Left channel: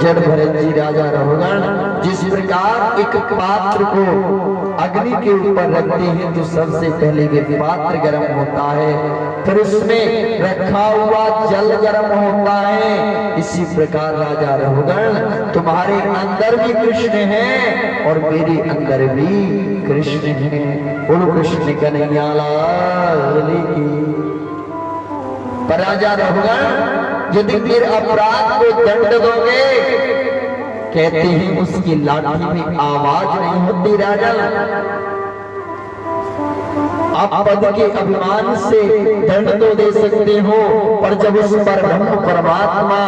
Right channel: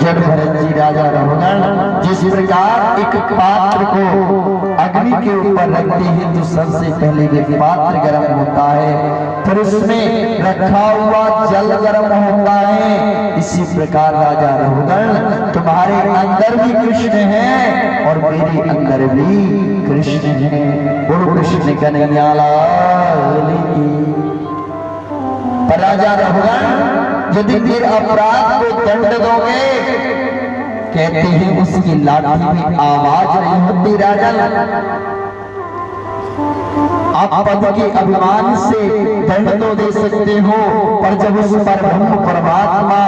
जड़ भरत जी राजा रघुगण जिस प्रकार एक पात्र को अग्नि के ऊपर रखते हैं तो सबसे पहले वे पात्र गर्म होता है, फिर उसमें रखा हुआ जल गर्म होता है। इसी प्रकार राजा रघुगण तुम्हारे अंदर भी कृष्ण है और मेरे अंदर भी कृष्ण है। बोलो कृष्ण कन्हैया लाल की। पर राजा रघुगण यदि फिर अपराध को दंड दोगे, कहते हैं उसकी लाठी में आवाज नहीं होती राजा। आप पद के अभिमान से दंड तो दे सकते हो, पर जब उस पर ब्रह्म परमात्मा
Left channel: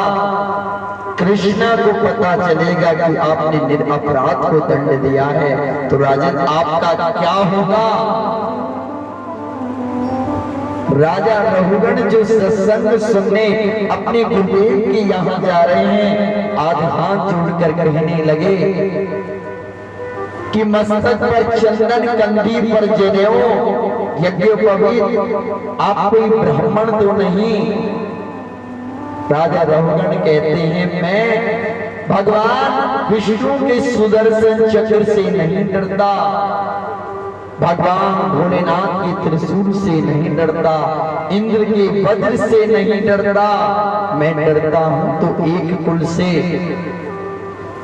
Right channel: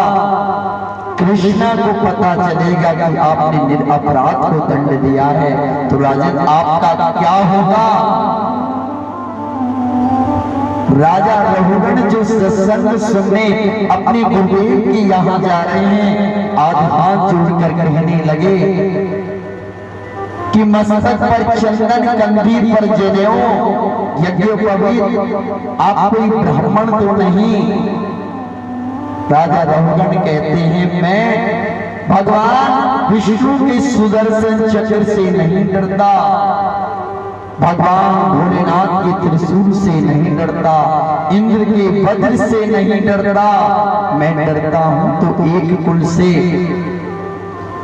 कृष्णा को पता चलेगा कि आपने निरपराध को दंड दिया है तो राजन आपका क्या होगा। राजा रघुगण जो सत्संग सुनने अपने गुरुदेव के यहाँ जा रहे हैं, आज हाथ जोड़कर कहने लगे कि मस्तक पर चंदन कंधी पर जनेऊ यज्ञोपवीत, आप कोई ब्राह्मण तो नहीं। राजा रघुगण कहते हैं मैं भगवान विष्णु के सुदर्शन चक्र से नहीं डरता, भगवान भोलेनाथ के त्रिशूल से नहीं डरता, इंद्र के वज्र से नहीं डरता, मैं डरता हूं तो एक कुल से।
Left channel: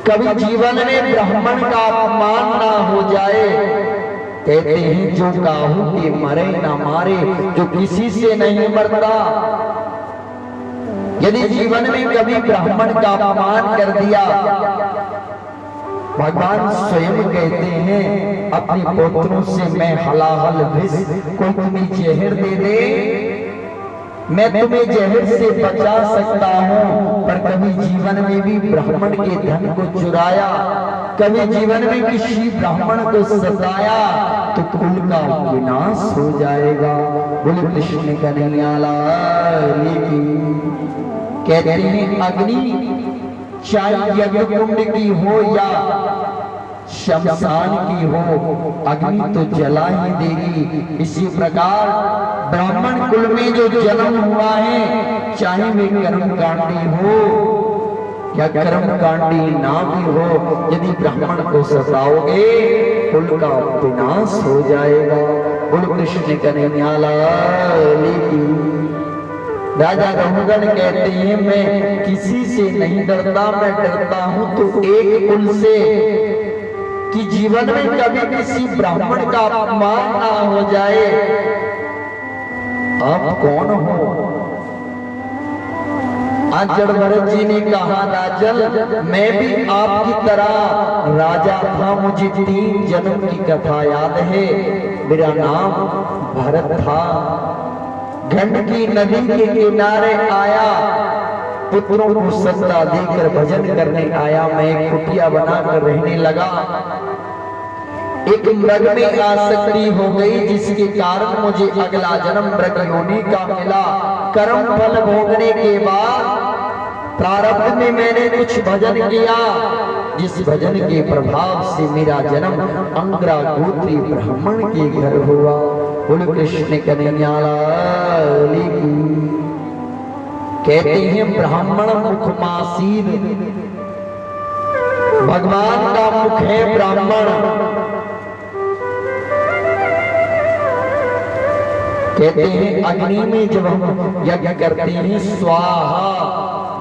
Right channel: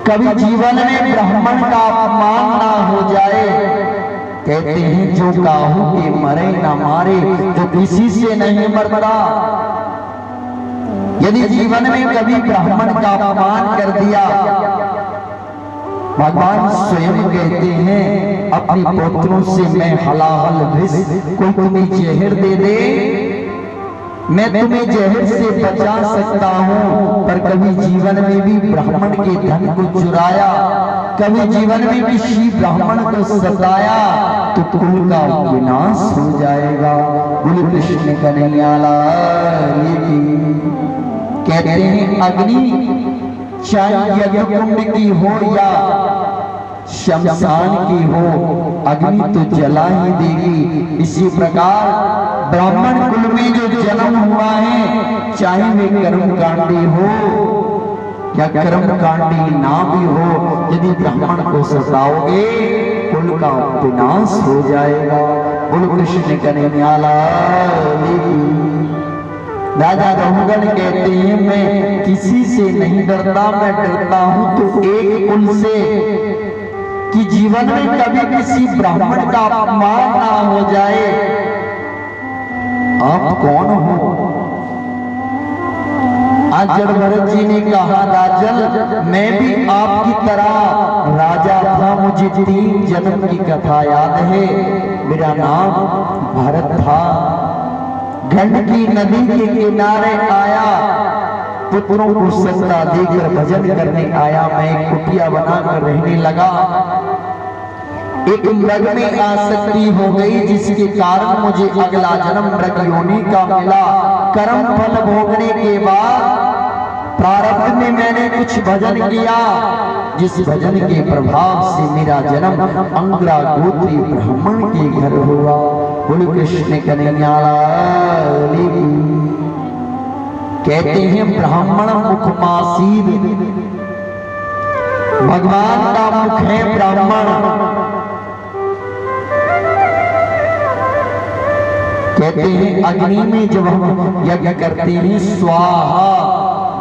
कभी जीवन में ब्राह्मण का अपमान ना हो जाए। कहते हैं जो काहू के मरे ना मारे, जो किसी से नहीं मरता। यदि जीवन में कभी ब्राह्मण का अपमान कर दिया, भगवान स्वयं कहते हैं अपने पुत्रों से मैं हलाहल विष को तुम्हें जहर दे दे, मैं तुम्हें जहर से बचा सकता हूं। पर कभी जीवन में भी ब्राह्मण के धन को चुराया, कभी जीवन में किसी ब्राह्मण को सताया तो कुल का विनाश हो जाएगा। बोले कृष्ण कन्हैया लाल की। कहते हैं अग्नि चाहे यज्ञ कुंड की हो या शमशान की हो, अग्नि तो जला ही देगी। इसी प्रकार ब्राह्मण कुल में जो जन्म हुआ है, चाहे वे कर्मकांडी हो या कर्मकांडी ना भी हो, यदि ब्राह्मण को सताओगे कुल का विनाश हो जाएगा। बोलो कृष्ण कन्हैया लाल की। राजा रघुगण कहते हैं मैं किसी से नहीं डरता, मैं डरता हूं तो एक कुल से कि जीवन में कभी किसी ब्राह्मण का अपमान ना हो जाए। आप कौन हो? आज जड़ भरत जी ने कहा राजन मैं भी आपकी तरह राजा था, मुझे 3 जन्म की कथा याद है। मेरा नाम भरत था, गंडकी नदी के किनारे आया, पुत्रों को सत्ता देकर भजन करने आया। मैं एक कुटिया बनाकर रहने लगा, एक मृग में आसक्ति हो गई जिसके कारण मुझे अगला जन्म मृग योनि का मिला। कर्म फल भोगने के बाद प्रारब्ध में मैंने कुछ भजन किया, जिस भजन के प्रभाव से मेरा जन्म अंगरा गोत्री ब्राह्मण के घर हुआ। बोलो कृष्ण कन्हैया लाल की। कहते हैं ब्राह्मण मुख मासीर, भगवान का मुख है ब्राह्मण। कहते हैं अग्नि में जब हम यज्ञ करते हैं स्वाहा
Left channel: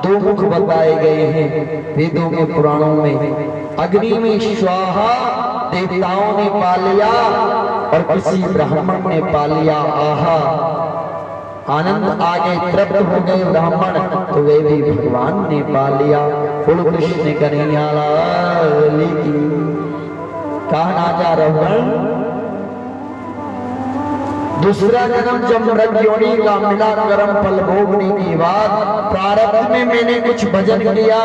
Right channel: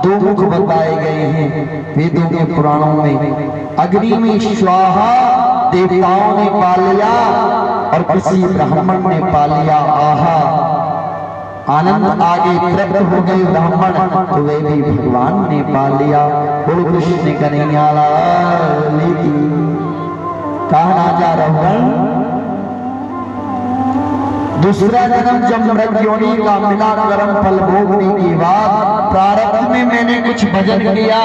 2 मुख बताए गए हैं वेदों के पुराणों में। अग्नि में स्वाहा देवताओं ने पा लिया और किसी ब्राह्मण ने पा लिया आहा। आनंद आगे तृप्त हो गए ब्राह्मण तो वे भी भगवान ने पा लिया। बोलो कृष्ण कन्हैया लाल की। कहा राजा रघुगण दूसरा जन्म जब मृग योनि का मिला, कर्म फल भोगने के बाद प्रारब्ध में मैंने कुछ भजन किया,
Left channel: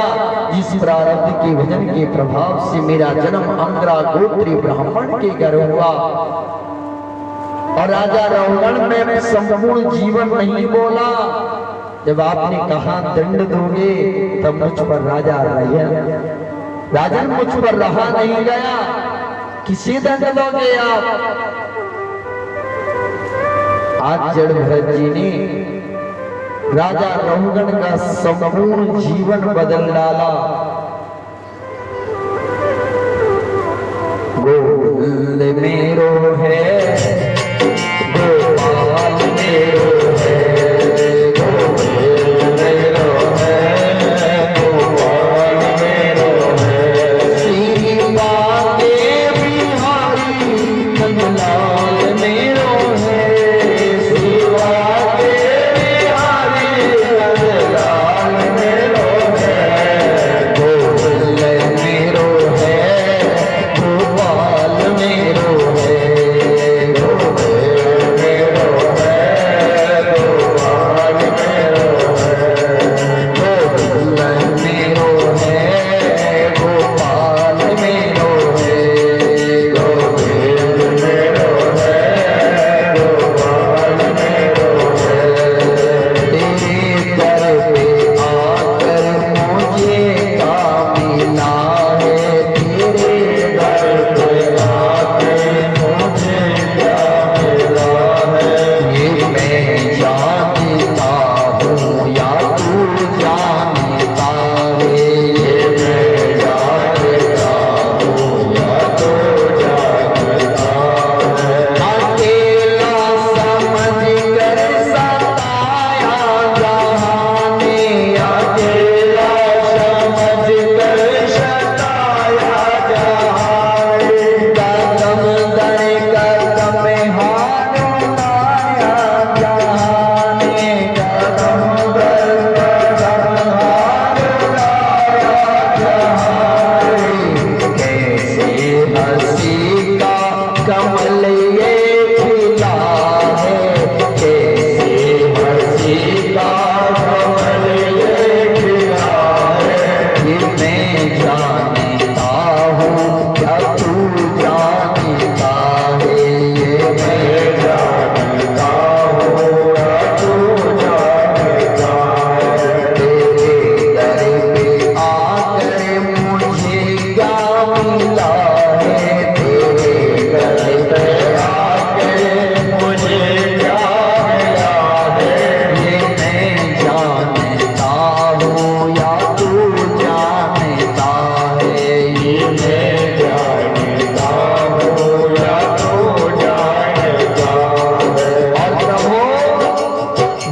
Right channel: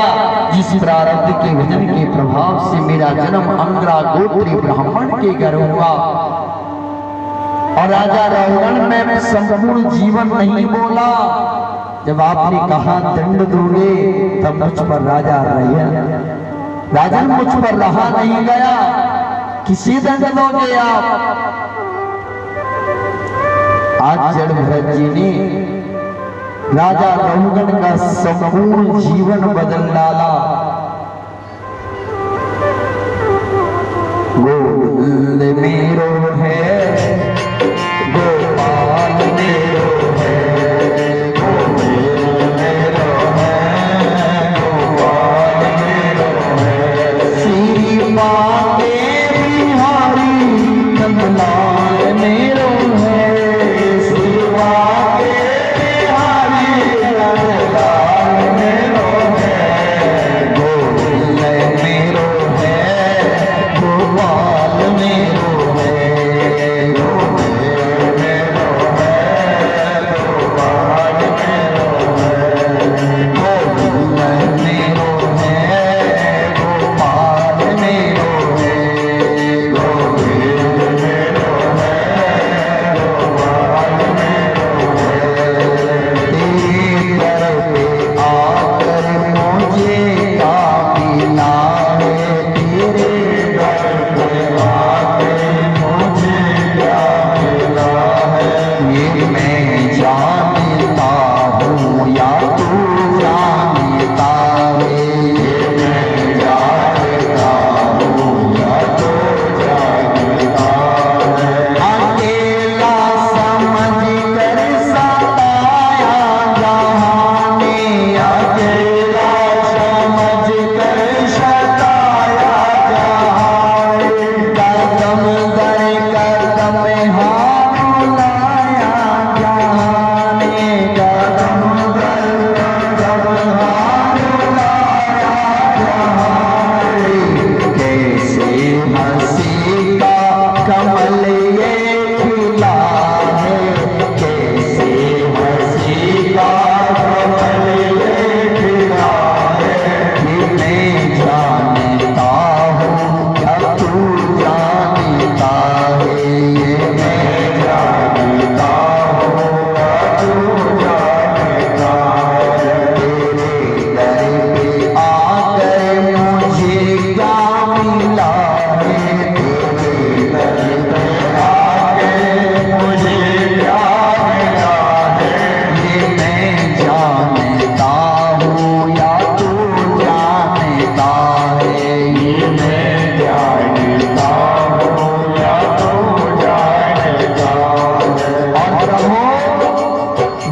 जिस प्रारब्ध के भजन के प्रभाव से मेरा जन्म अंगरा गोत्री ब्राह्मण के घर हुआ। और राजा रघुगण मैं संपूर्ण जीवन नहीं बोला। जब आपने कहा दंड दोगे तब मुझ पर राजा राजन मुझ पर रहा नहीं गया। किसी दंड दोगे आप? आज जड़ भरत जी ने राजा रघुगण का संपूर्ण जीवन बदल डाला। मेरो है गोपाल मेरो है, गोविंद मेरो है, गोपाल मेरो है। सीमा के बिहारी कमलाल मेरो है, सीमा के बिहारी कमलाल मेरो है, गोविंद मेरो है, गोपाल मेरो है, गोविंद मेरो है, गोपाल मेरो है, गोविंद मेरो है, गोपाल मेरो है, गोविंद मेरो है, गोपाल मेरो है। तेरे दर पे आकर मुझे क्या मिला है, तेरे दर पे आकर मुझे क्या मिला है, ये मैं जानता हूँ या तू जानता है, ये मैं जानता हूँ या तू जानता है। अकेला समझ कर सताया जहाँ ने, अकेला समझ कर सताया जहाँ ने, कदम दर कदम हाथ लाया जहाँ ने, कदम दर कदम हाथ लाया जहाँ ने। कैसे हंसी का कमल ये खिला है, कैसे हंसी का कमल ये खिला है, ये मैं जानता हूँ क्या तू जानता है, ये मैं जानता हूँ क्या तू जानता है। तेरे दर पे आकर मुझे क्या मिला है, तेरे दर पे आकर मुझे क्या मिला है, ये मैं जानता हूँ या तू जानता है, ये मैं जानता हूँ या तू जानता है। और प्रभु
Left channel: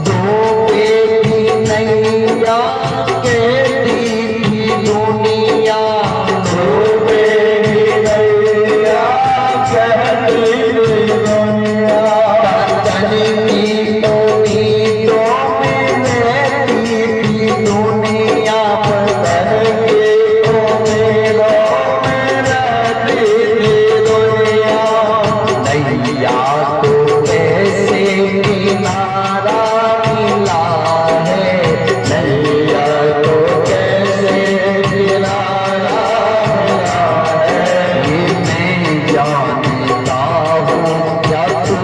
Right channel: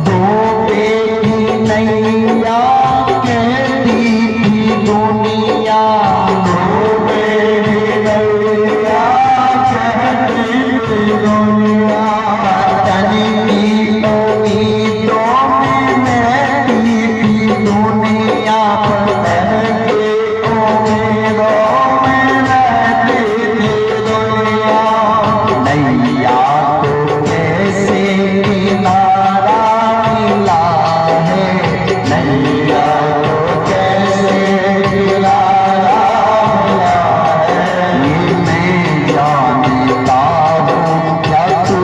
दो की नैया कहती थी दुनिया, दो की नैया कहती थी दुनिया, पतन की उम्मीदों में रहती थी दुनिया, पतन की उम्मीदों में रहती थी दुनिया। नैया तो कैसे किनारा मिला है, नैया तो कैसे किनारा मिला है, ये मैं जानता हूँ क्या तू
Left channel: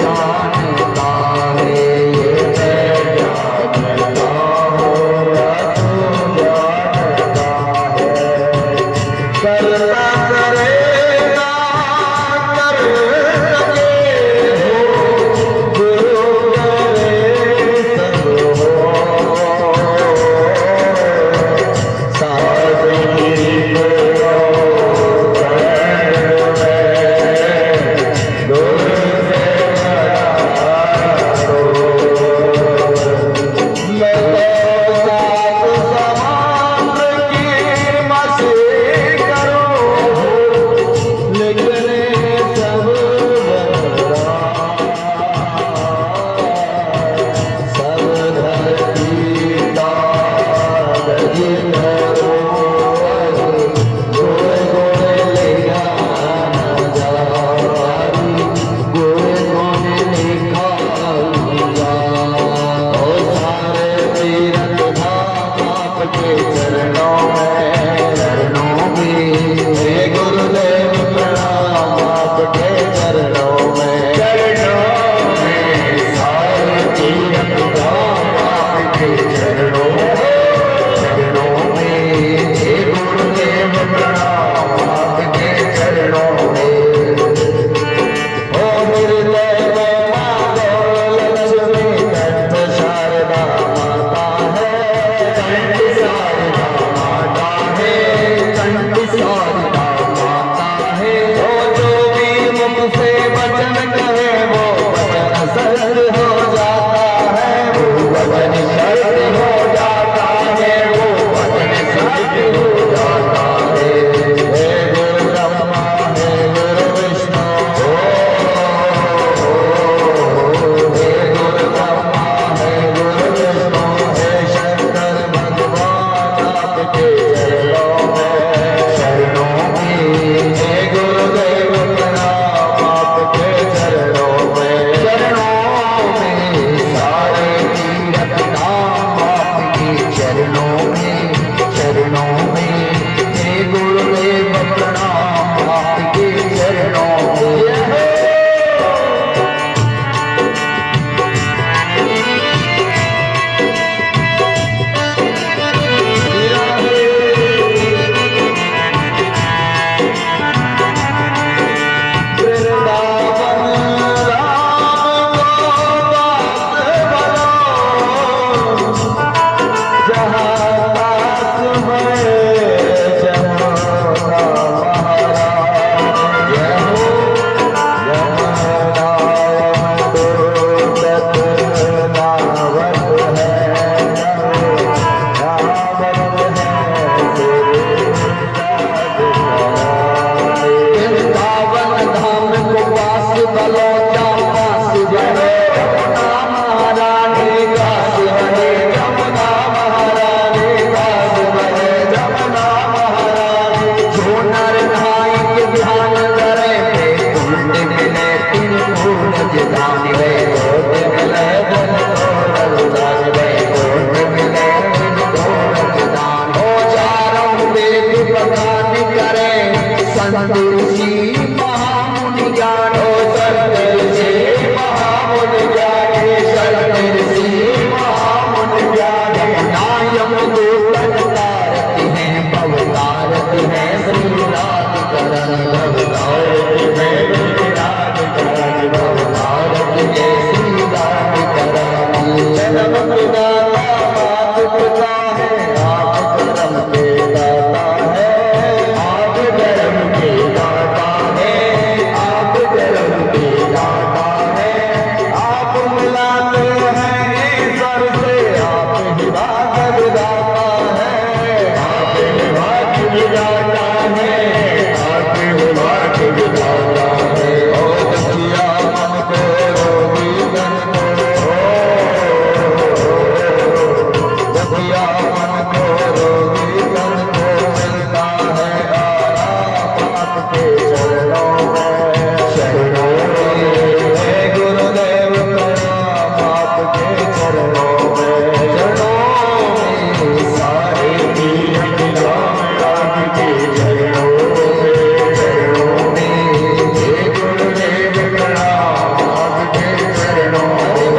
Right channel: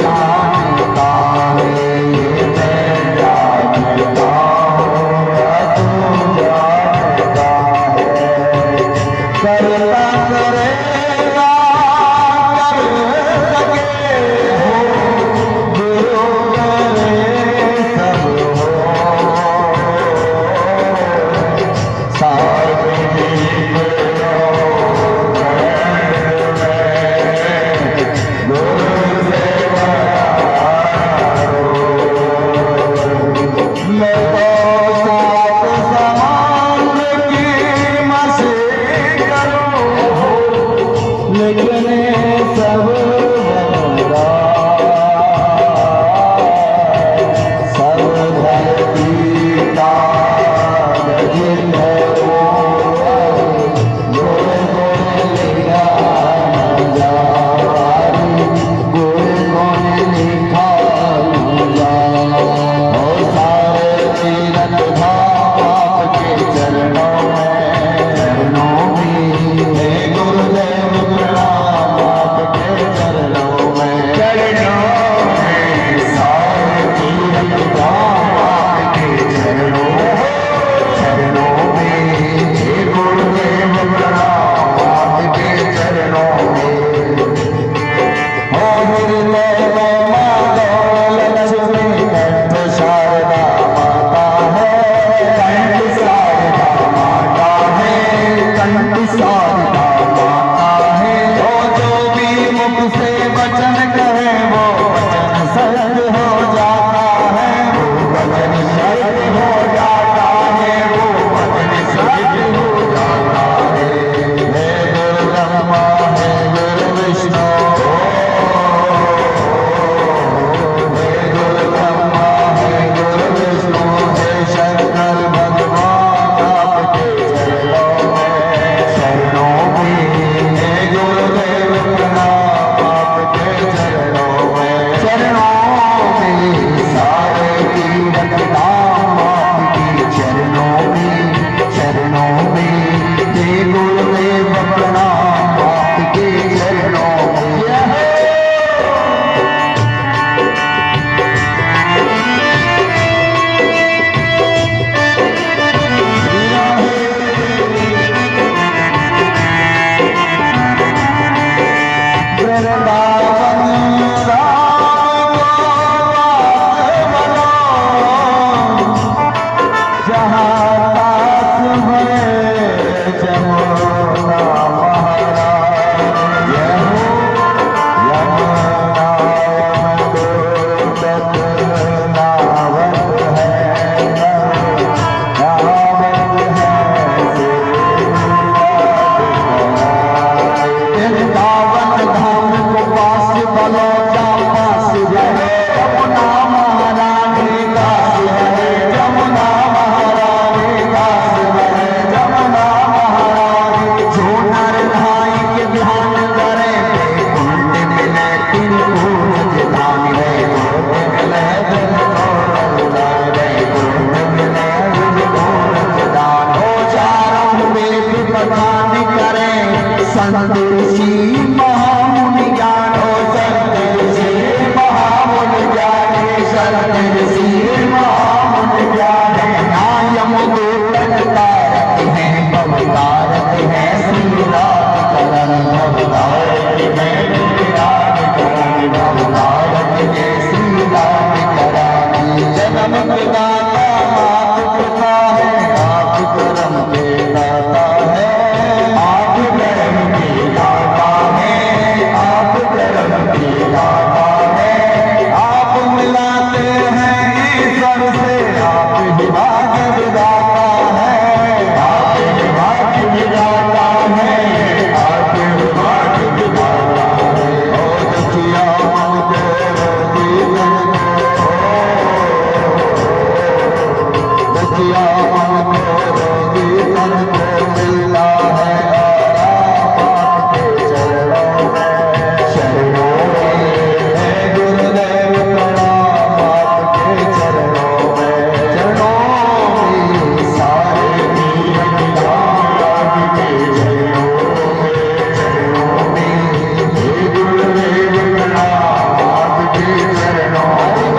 जानता है, ये मैं जानता हूँ क्या तू जानता है। करता करेगा कर सके हो, गुरु करे सब हो, सावनी करो गुरु से मैं तो सात समुद्र की मछली करो, बगान करें संदेशी महामुनि ज्ञान संदेशी महामुनि ज्ञान संदेशी महामुनि ज्ञान नायम दूतन तारक हैं भवतारक हैं श्री राम करण भवतारक हैं श्री राम करण भवतारक हैं श्री राम करण जन्म पिता पिता है आप कर्म के दाता है आप कर्म के दाता है आप कर्म के दाता है आप मिलाते हैं सर से आप ही भाग्य विधाता है आप ही भाग्य विधाता है आप ही भाग्य विधाता है ओ दुखिया मन को रोगी मन को दुखिया मन को रोगी मन को मिलता है आराम आपके चरणों में शरणों में हे गुरुदेव प्रणाम आपके चरणों में सारे जीवन राम आपके चरणों में हे गुरुदेव प्रणाम आपके चरणों में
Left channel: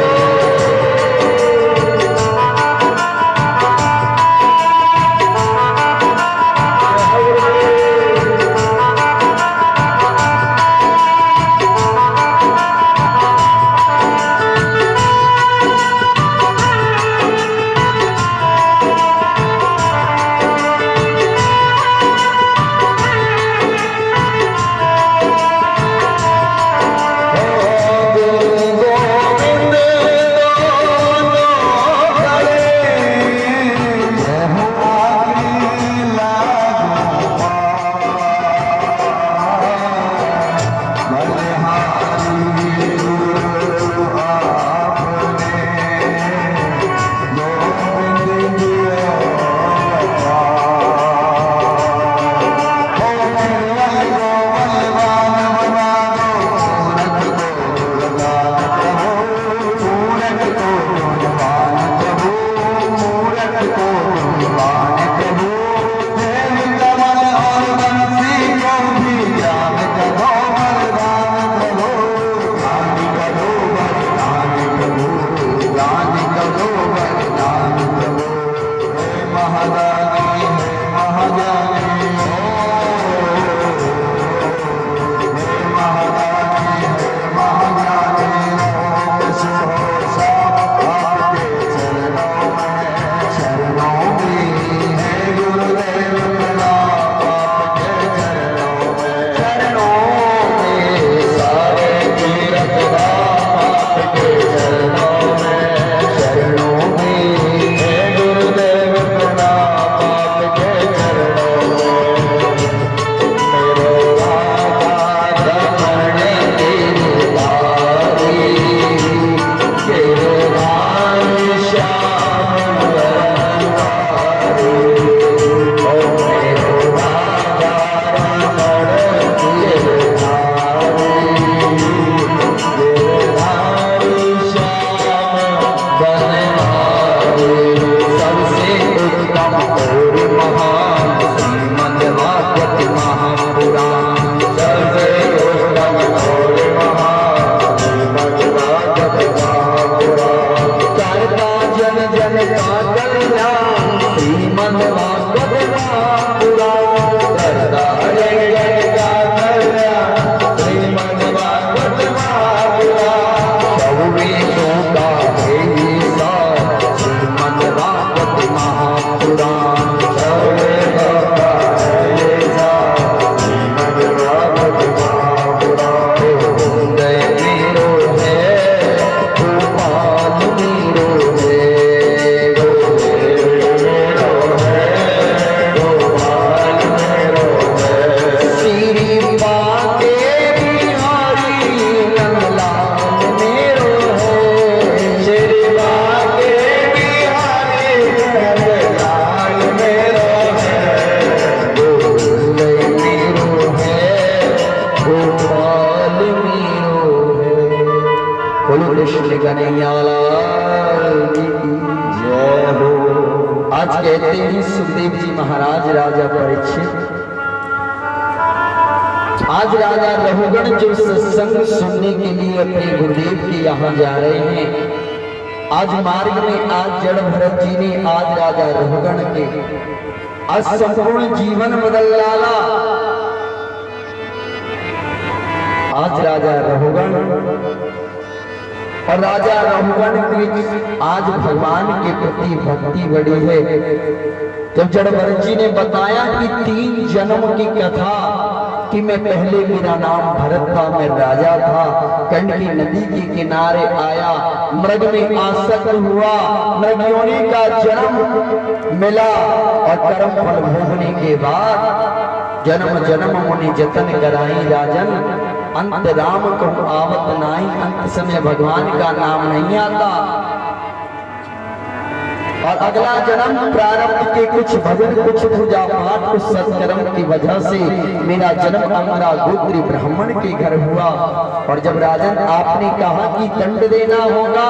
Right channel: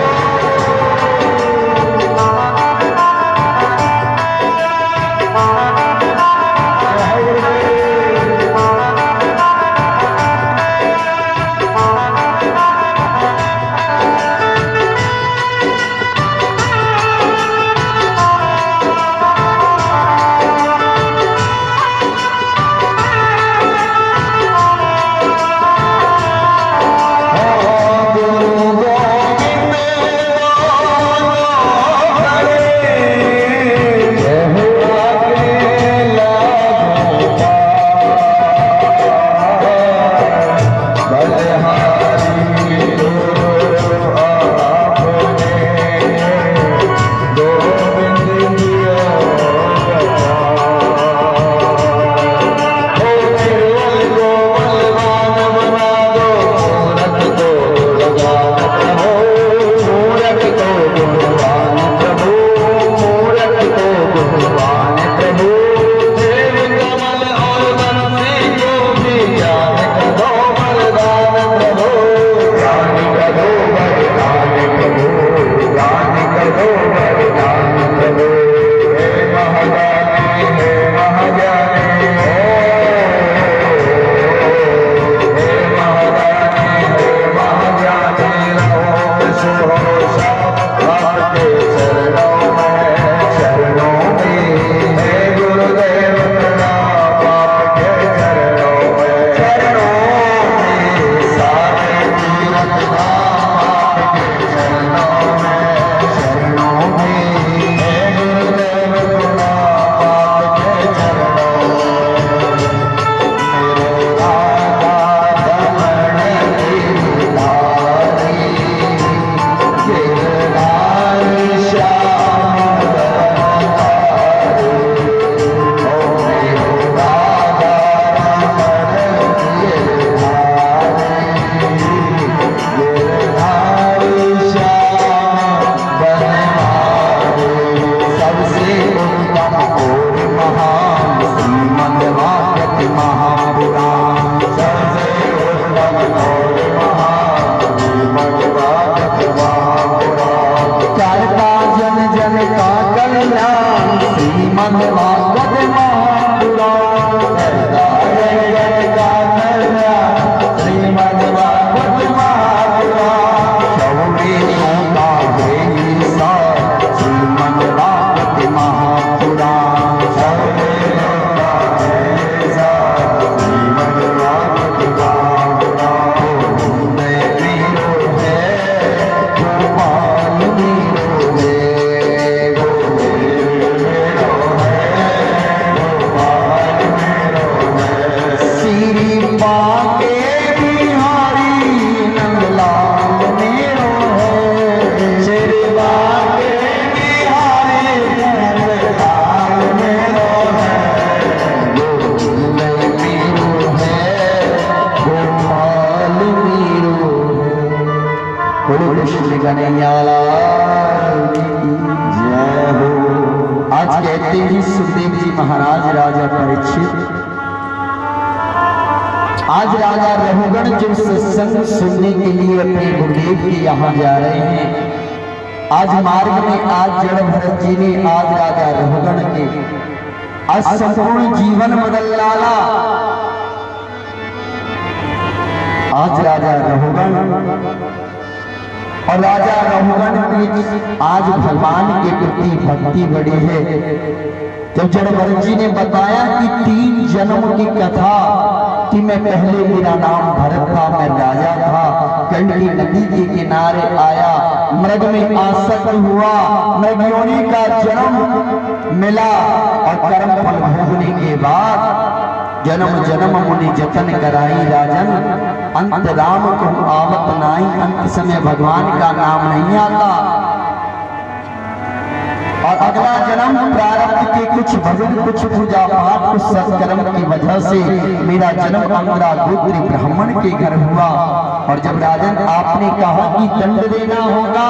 कहते हैं सुखदेव जी महाराज राजा परीक्षित, आज राजा रघुगण जो सत्संग सुनने के लिए अपने गुरुदेव के यहाँ जा रहे हैं, आज मार्ग में आज जड़ भरत जी ने आज राजा रघुगण के आज संपूर्ण जीवन बदल डाला। आज राजा रघुगण और राजा रघुगण की आज भगवान के प्रति भक्ति बड़ी है। जब जड़ भरत जी ने बताया कि 3 जन्म की कथा कि मैं पहले मेरा नाम भरत था, मैं राजा था, कंडली नदी के किनारे आया, मृग में आसक्त हुआ, मृगयोनि का जन्म मिला और कर्म फल भोगने के बाद जन्म जन्म मुनि जतन कराई राजन, अंत राम को आवत नाई। अंत समय भगवान का नाम नहीं आता और अगला जन्म प्रारब्ध के कुछ भजन, कुछ पूजा पाठ, कुछ सत्कर्म की वजह से मेरा जन्म हमारा गोत्री ब्राह्मण के घर हुआ। और जब राजन आपने कहा कि दंड देना होगा,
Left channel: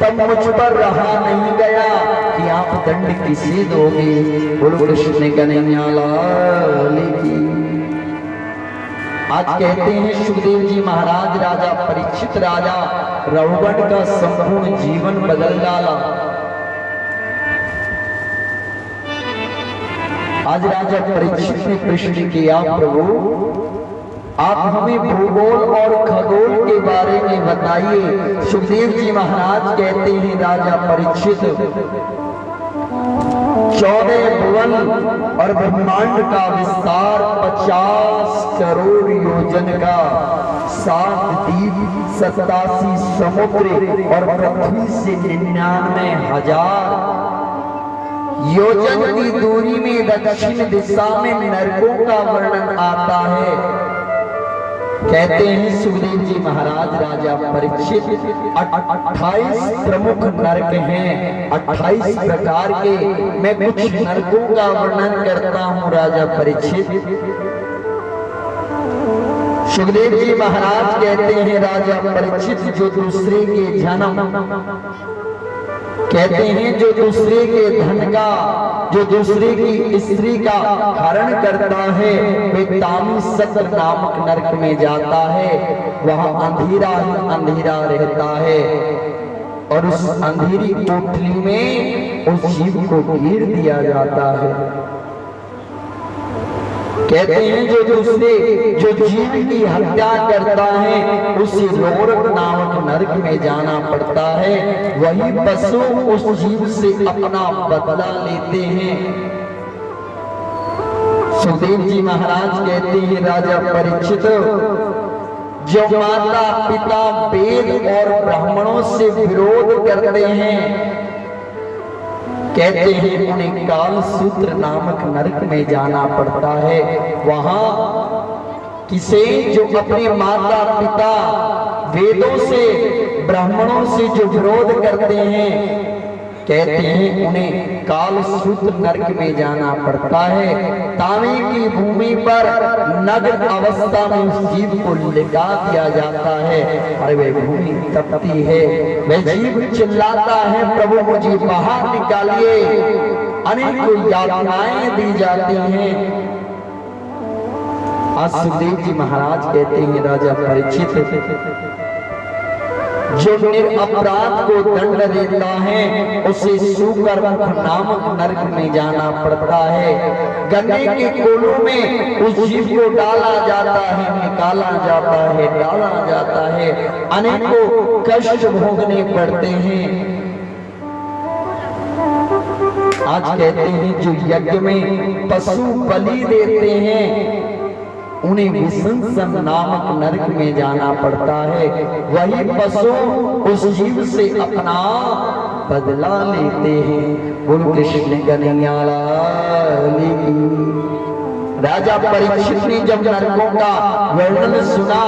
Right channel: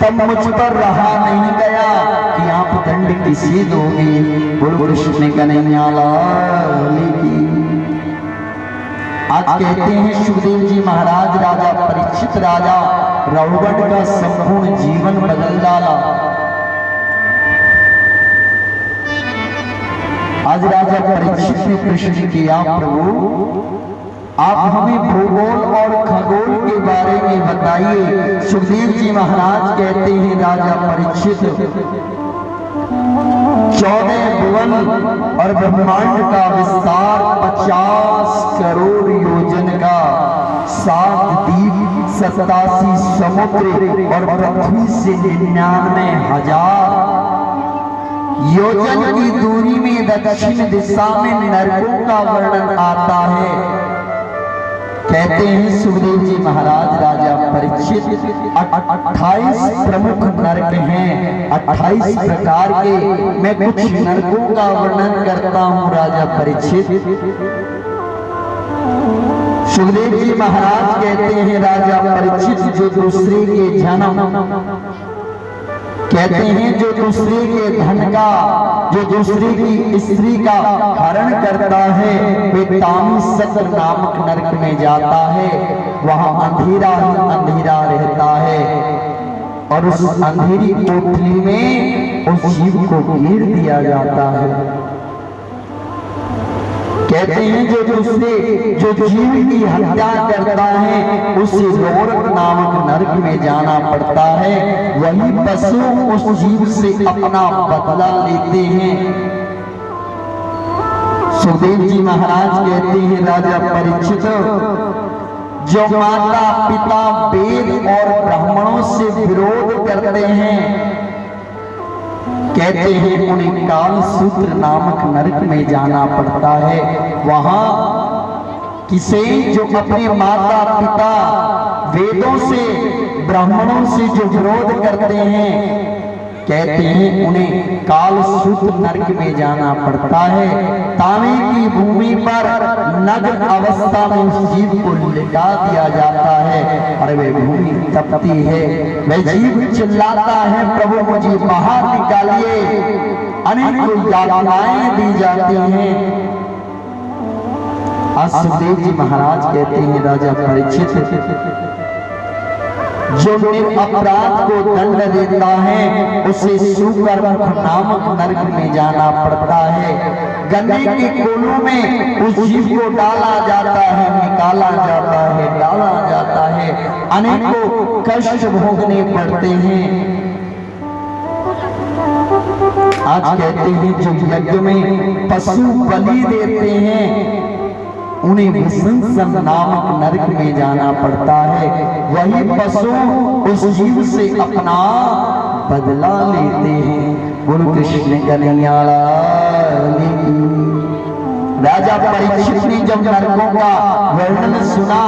तब मुझ पर रहा नहीं गया कि आप दंड किसे दोगे। बोल कृष्ण कन्हैया लाल की। आज कहते हैं सुखदेव जी महाराज राजा परीक्षित राजा रघुगण का संपूर्ण जीवन बदल डाला। आज राजा परीक्षित ने प्रश्न किया, प्रभु आप हमें भूगोल और खगोल के बारे में बताइए। सुखदेव जी महाराज कहते हैं राजा परीक्षित, 14 भुवन और ब्रह्मांड का विस्तार 50 करोड़ योजन का, 7 द्वीप, 87 समुद्र और पृथ्वी से 99,000 योजन की दूरी में दक्षिण दिशा में नरकों का वर्णन आता है। कहते हैं सुखदेव जी महाराज राजा परीक्षित 28 प्रमुख नरक हैं, 28 प्रकार के। मैं कुछ नरकों का वर्णन करता हूँ राजा परीक्षित। सुखदेव जी महाराज कहते हैं राजा परीक्षित, जो दूसरे के जन्म, कहते हैं जो दूसरे के धन का, जो दूसरे की स्त्री का हरण करता है, वे तामी सत्र नामक नरक में जाता है। वहां अंधेरा ही अंधेरा रहता है और उस अंधेरी कोठरी में उस जीव को घेर दिया जाता है। कहते हैं जो जीव की हत्या करता है, उसे लोरक नामक नरक में जाना पड़ता है। वही पशु उस जीव से अपना बदला लेते हैं। सुखदेव जी महाराज कहते हैं राजा परीक्षित, जो माता पिता वेद और ब्राह्मणों से विरोध करते हैं, कहते हैं उन्हें काल सूत्र नामक नरक में जाना पड़ता है। वहां किसे जो अपने माता पिता वेदों से ब्राह्मणों से जो विरोध करते हैं, कहते हैं उन्हें काल सूत्र नरक में जाना पड़ता है। तावे की भूमि पर नग्न अवस्था में उस जीव को लिटा दिया जाता है और वह भूमि तपती है। वह जीव चिल्लाता है, प्रभु मुझे बाहर निकालिए। अनेक यातनाएं दी जाती हैं। आज सुखदेव जी महाराज कहते हैं राजा परीक्षित, जो अपराध को दंड देता है, उसे सुकर्म नामक नरक में जाना पड़ता है। गन्ने के कोलों में उस जीव को डाला जाता है, निकाला जाता है, डाला जाता है। अनेकों कष्ट भोगने पड़ते हैं। आज कहते हैं जो यज्ञ में पशु बलि देते हैं, उन्हें विसंसन नामक नरक में जाना पड़ता है। वही पशु उस जीव से अपना बदला लेते हैं। गुरु कृष्ण कन्हैया लाल की। राजा परीक्षित ने जब नरकों का वर्णन सुना,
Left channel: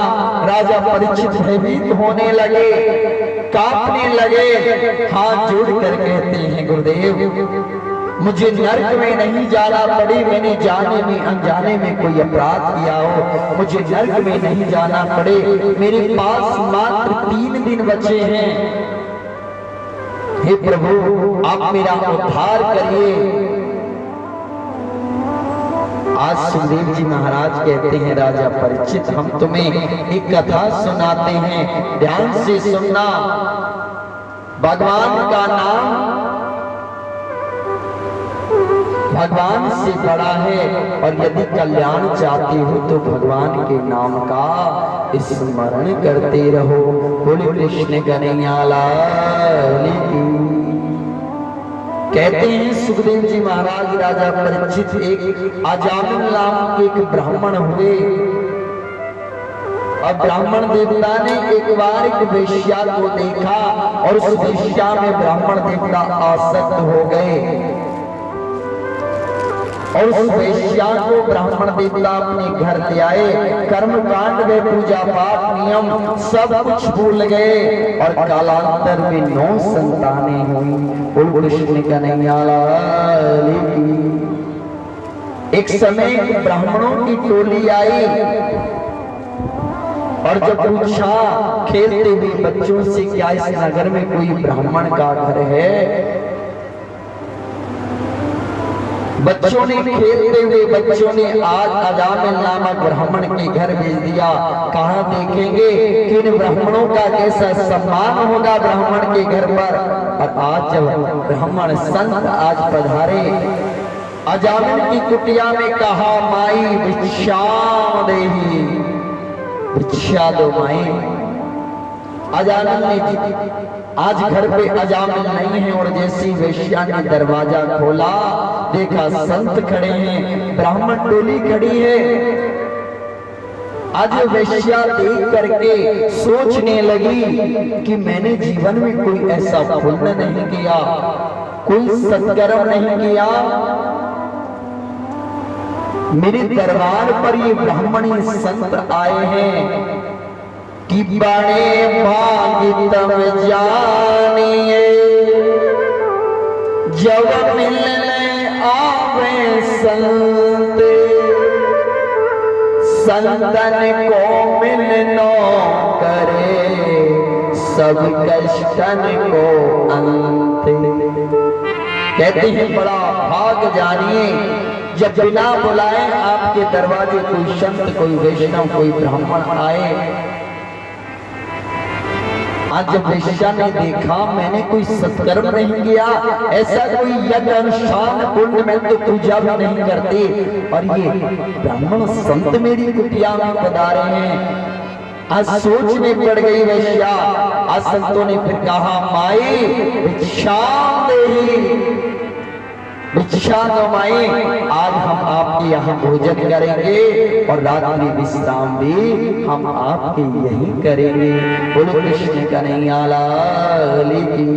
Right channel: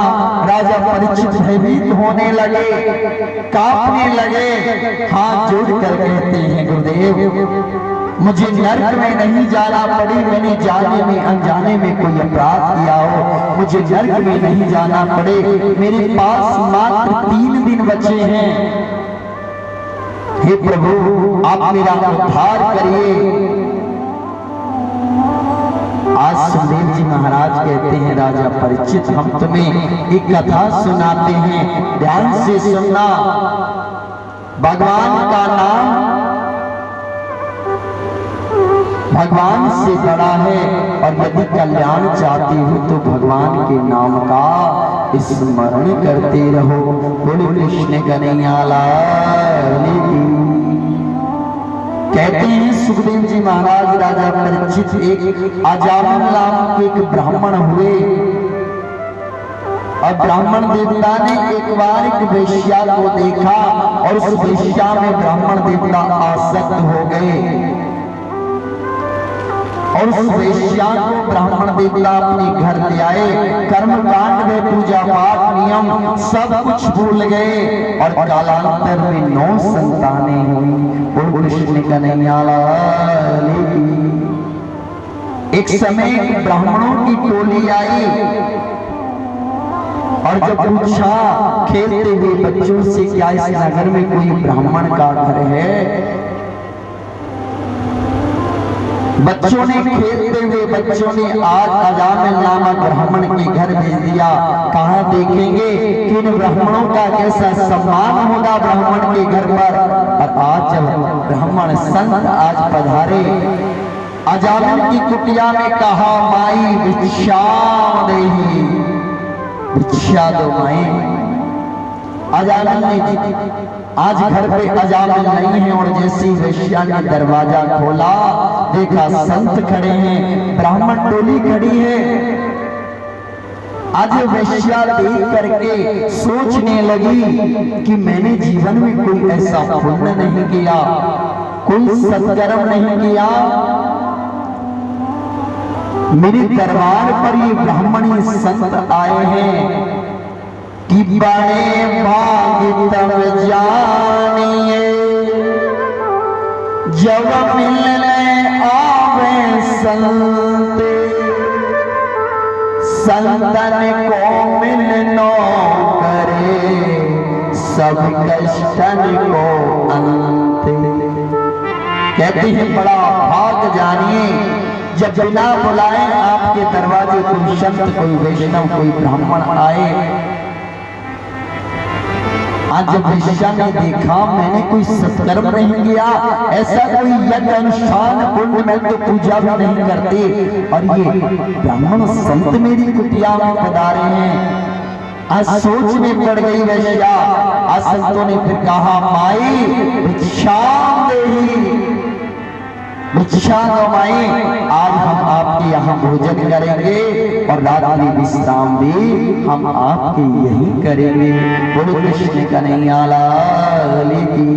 राजा परीक्षित भयभीत होने लगे, कांपने लगे, हाथ जोड़ कर कहते हैं गुरुदेव मुझे नरक में नहीं जाना पड़ी, मैंने जाने में अनजाने में कोई अपराध किया हो, मुझे नरक में नहीं जाना पड़े। मेरे पास मात्र 3 दिन बचे हैं। हे प्रभु आप मेरा उद्धार करिए। आज सुखदेव जी महाराज कहते हैं, राजा परीक्षित हम तुम्हें एक कथा सुनाते हैं, ध्यान से सुनना। भगवान का नाम भगवान से बड़ा है, और यदि कल्याण चाहते हो तो भगवान के नाम का स्मरण करते रहो। बोले कृष्ण कन्हैया लाल की। कहते हैं सुखदेव जी महाराज, राजा परीक्षित एक अजामिल नाम के एक ब्राह्मण हुए, और ब्राह्मण देवता ने एक बार एक वेश्या को देखा, और उस वेश्या में ब्राह्मण देवता आसक्त हो गए, और उस वेश्या को ब्राह्मण देवता अपने घर ले आए। कर्म कांड में पूजा पाठ नियम सब कुछ भूल गए, और कालांतर में 9 संतानें हुई। बोल कृष्ण कन्हैया लाल की। एक समय ब्राह्मणों की टोली आई, और जब पूछा खेलते हुए बच्चों से, क्या इस नगर में कोई ब्राह्मण का घर है? बच्चों ने खेलते हुए बच्चों ने आज अजामिल नामक ब्राह्मण के घर भेज दिया। कहाँ देखेंगे कि इन ब्राह्मणों का कैसा सम्मान होगा ब्राह्मण के घर पर। और आज जब ब्राह्मण संत आज पधारे, अजामिल की कुटिया में कहा, माई भिक्षा देही, भिक्षा दो माई। अजामिल ने आज घर पे अजामिल नहीं है, और जैसी वेश्या ने दरवाजा खोला देखा संत खड़े हैं, ब्राह्मण टोली खड़ी है। आज वेश्या देख करके सोचने लगी कि मैंने जीवन में कोई ऐसा पुण्य नहीं किया, कोई सत्कर्म नहीं किया, मेरे दरबार पर ये ब्राह्मणी संत आए हैं कि बड़े भाग तब जानिए, जब मिलने आवे संत, संतन को मिलनो करे, सब कष्टन को अंत। कहते हैं बड़ा भाग जानिए, जब बिना बुलाए आपके दरवाजे कोई संत, कोई वैष्णव, कोई ब्राह्मण आए। आज जब वेश्या ने देखा मैंने कोई सत्कर्म नहीं किया, ऐसा कोई यज्ञ अनुष्ठान पुण्य में तो पूजा भी नहीं करते, और ये ब्राह्मण संत मेरी कुटिया में पधारे हैं। आज सोच में पड़ गई वेश्या। आज संतों ने फिर कहा, माई भिक्षा देही, भिक्षा दो माई, आज हम आपके यहाँ भोजन करेंगे, और रात्रि विश्राम भी हम आपके यही करेंगे। बोलो कृष्ण कन्हैया लाल की।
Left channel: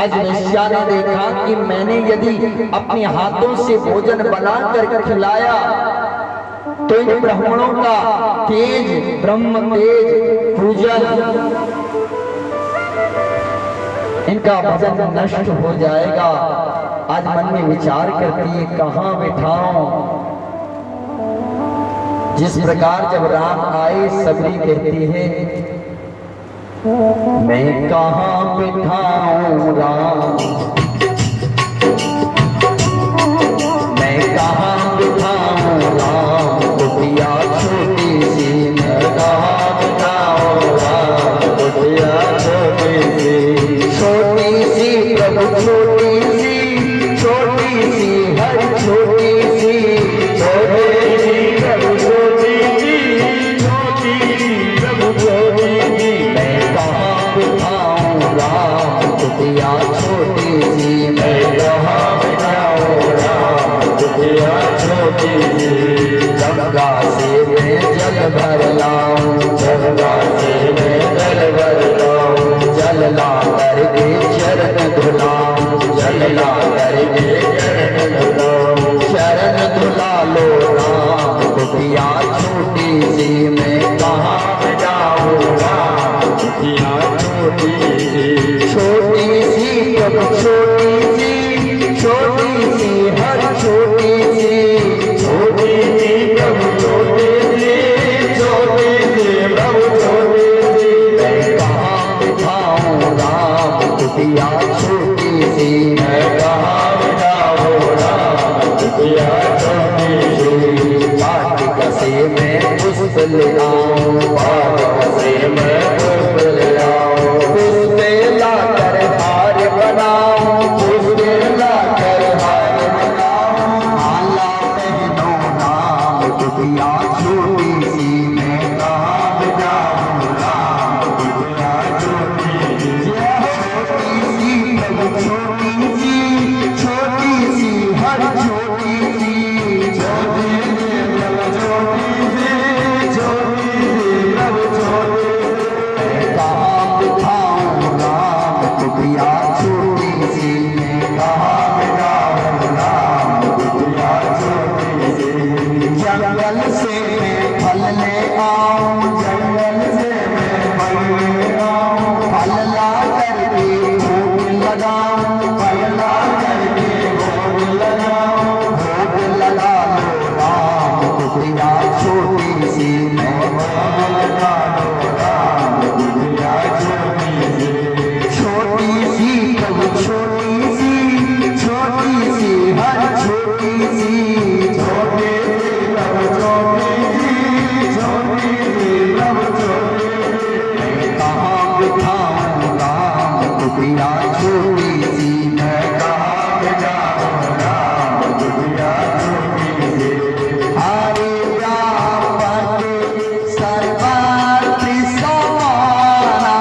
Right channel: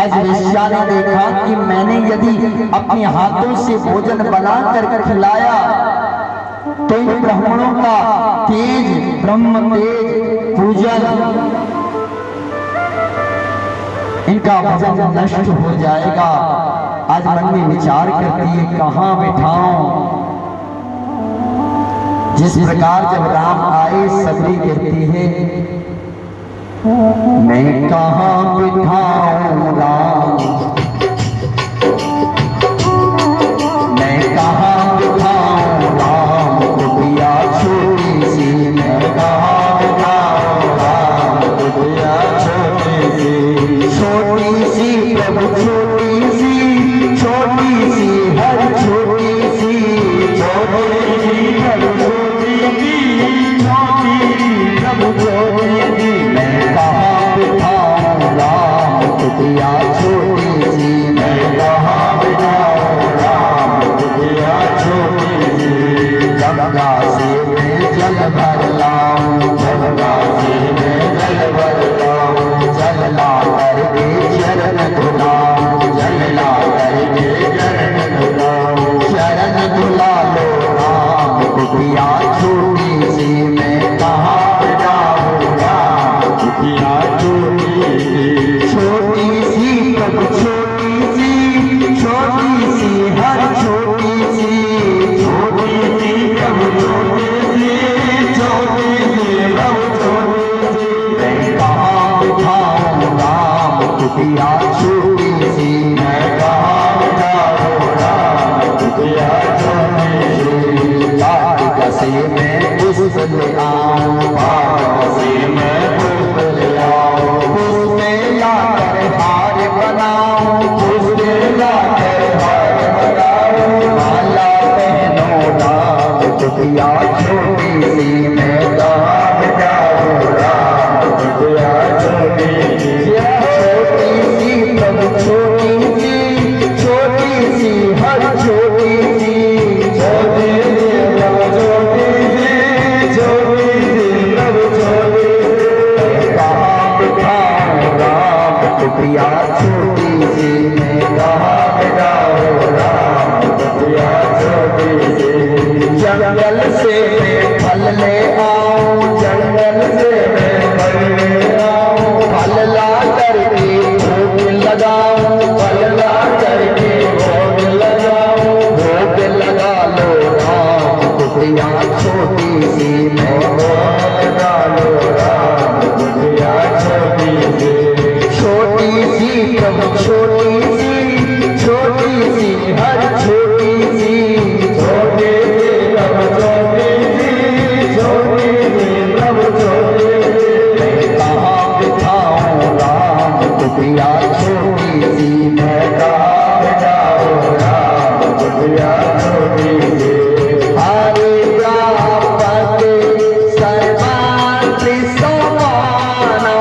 आज वेश्या ने देखा कि मैंने यदि अपने हाथों से भोजन बनाकर खिलाया तो इन ब्राह्मणों का तेज, ब्रह्म तेज पूजन, इनका भजन नष्ट हो जाएगा। आज मन में विचार करती है, कहाँ बिठाऊं? जिस प्रकार जब राम आए, सबरी कहती है, मैं कहाँ बिठाऊं राम, मैं कहाँ बिठाऊं राम, कुटिया छोटी सी, मैं कहाँ बिठाऊं राम, कुटिया छोटी सी, छोटी सी प्रभु छोटी सी, छोटी सी हर छोटी सी, छोटी सी प्रभु छोटी सी, छोटी सी प्रभु छोटी सी, मैं कहाँ बिठाऊं राम, कुटिया छोटी सी, मैं कहाँ बिठाऊं राम, कुटिया छोटी सी। गंगा से मैं जल भर लाऊं, गंगा से मैं जल भर लाऊं, जल ला करके चरण धुलाऊं, जल ला करके चरण धुलाऊं, चरण धुला लो राम, कुटिया छोटी सी, मैं कहाँ बिठाऊं राम, कुटिया छोटी सी, छोटी सी प्रभु छोटी सी, छोटी सी हर छोटी सी, छोटी सी प्रभु छोटी से मैं पुष्प ले आऊं, बाग से मैं पुष्प ले आऊं, पुष्प लाकर हार बनाऊं, पुष्प लाकर हार बनाऊं, माला पहनो राम कुटिया छोटी सी मैं कहाँ जाऊं, राम कुटिया छोटी सी, प्रभु छोटी सी हर छोटी सी, छोटी सी प्रभु छोटी सी प्रभु छोटी सी, कहाँ बिठाऊं राम कुटिया छोटी सी मैं कहाँ जाऊं, राम कुटिया छोटी सी, जंगल से मैं फल ले आऊं, जंगल से मैं फल ले आऊं, फल ला करके भोग लगाऊं, फल ला करके भोग लगाऊं, भोग लगा लो राम कुटिया छोटी सी मैं भोग लगा लो राम कुटिया छोटी सी प्रभु छोटी सी हर छोटी सी, छोटी सी प्रभु छोटी सी प्रभु छोटी सी, कहाँ बिठाऊं राम कुटिया छोटी सी मैं कहाँ जाऊं, राम कुटिया छोटी सी, हरे व्यापक सर्वार्थ समाना,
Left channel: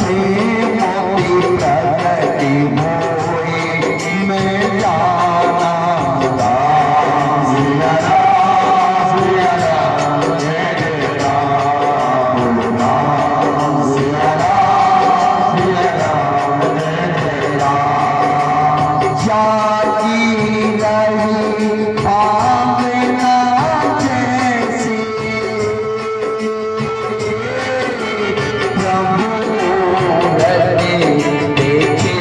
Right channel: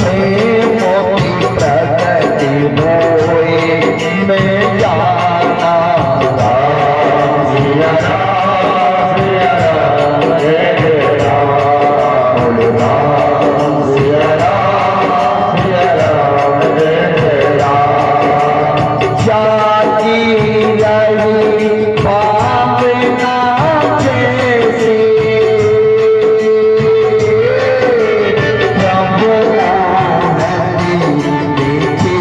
प्रेमों की प्रगति मोए मैं जाना, राम सिया राम जय जय राम, राम सिया राम जय जय राम, जाती रही भावना जैसी, प्रभु आरती देखे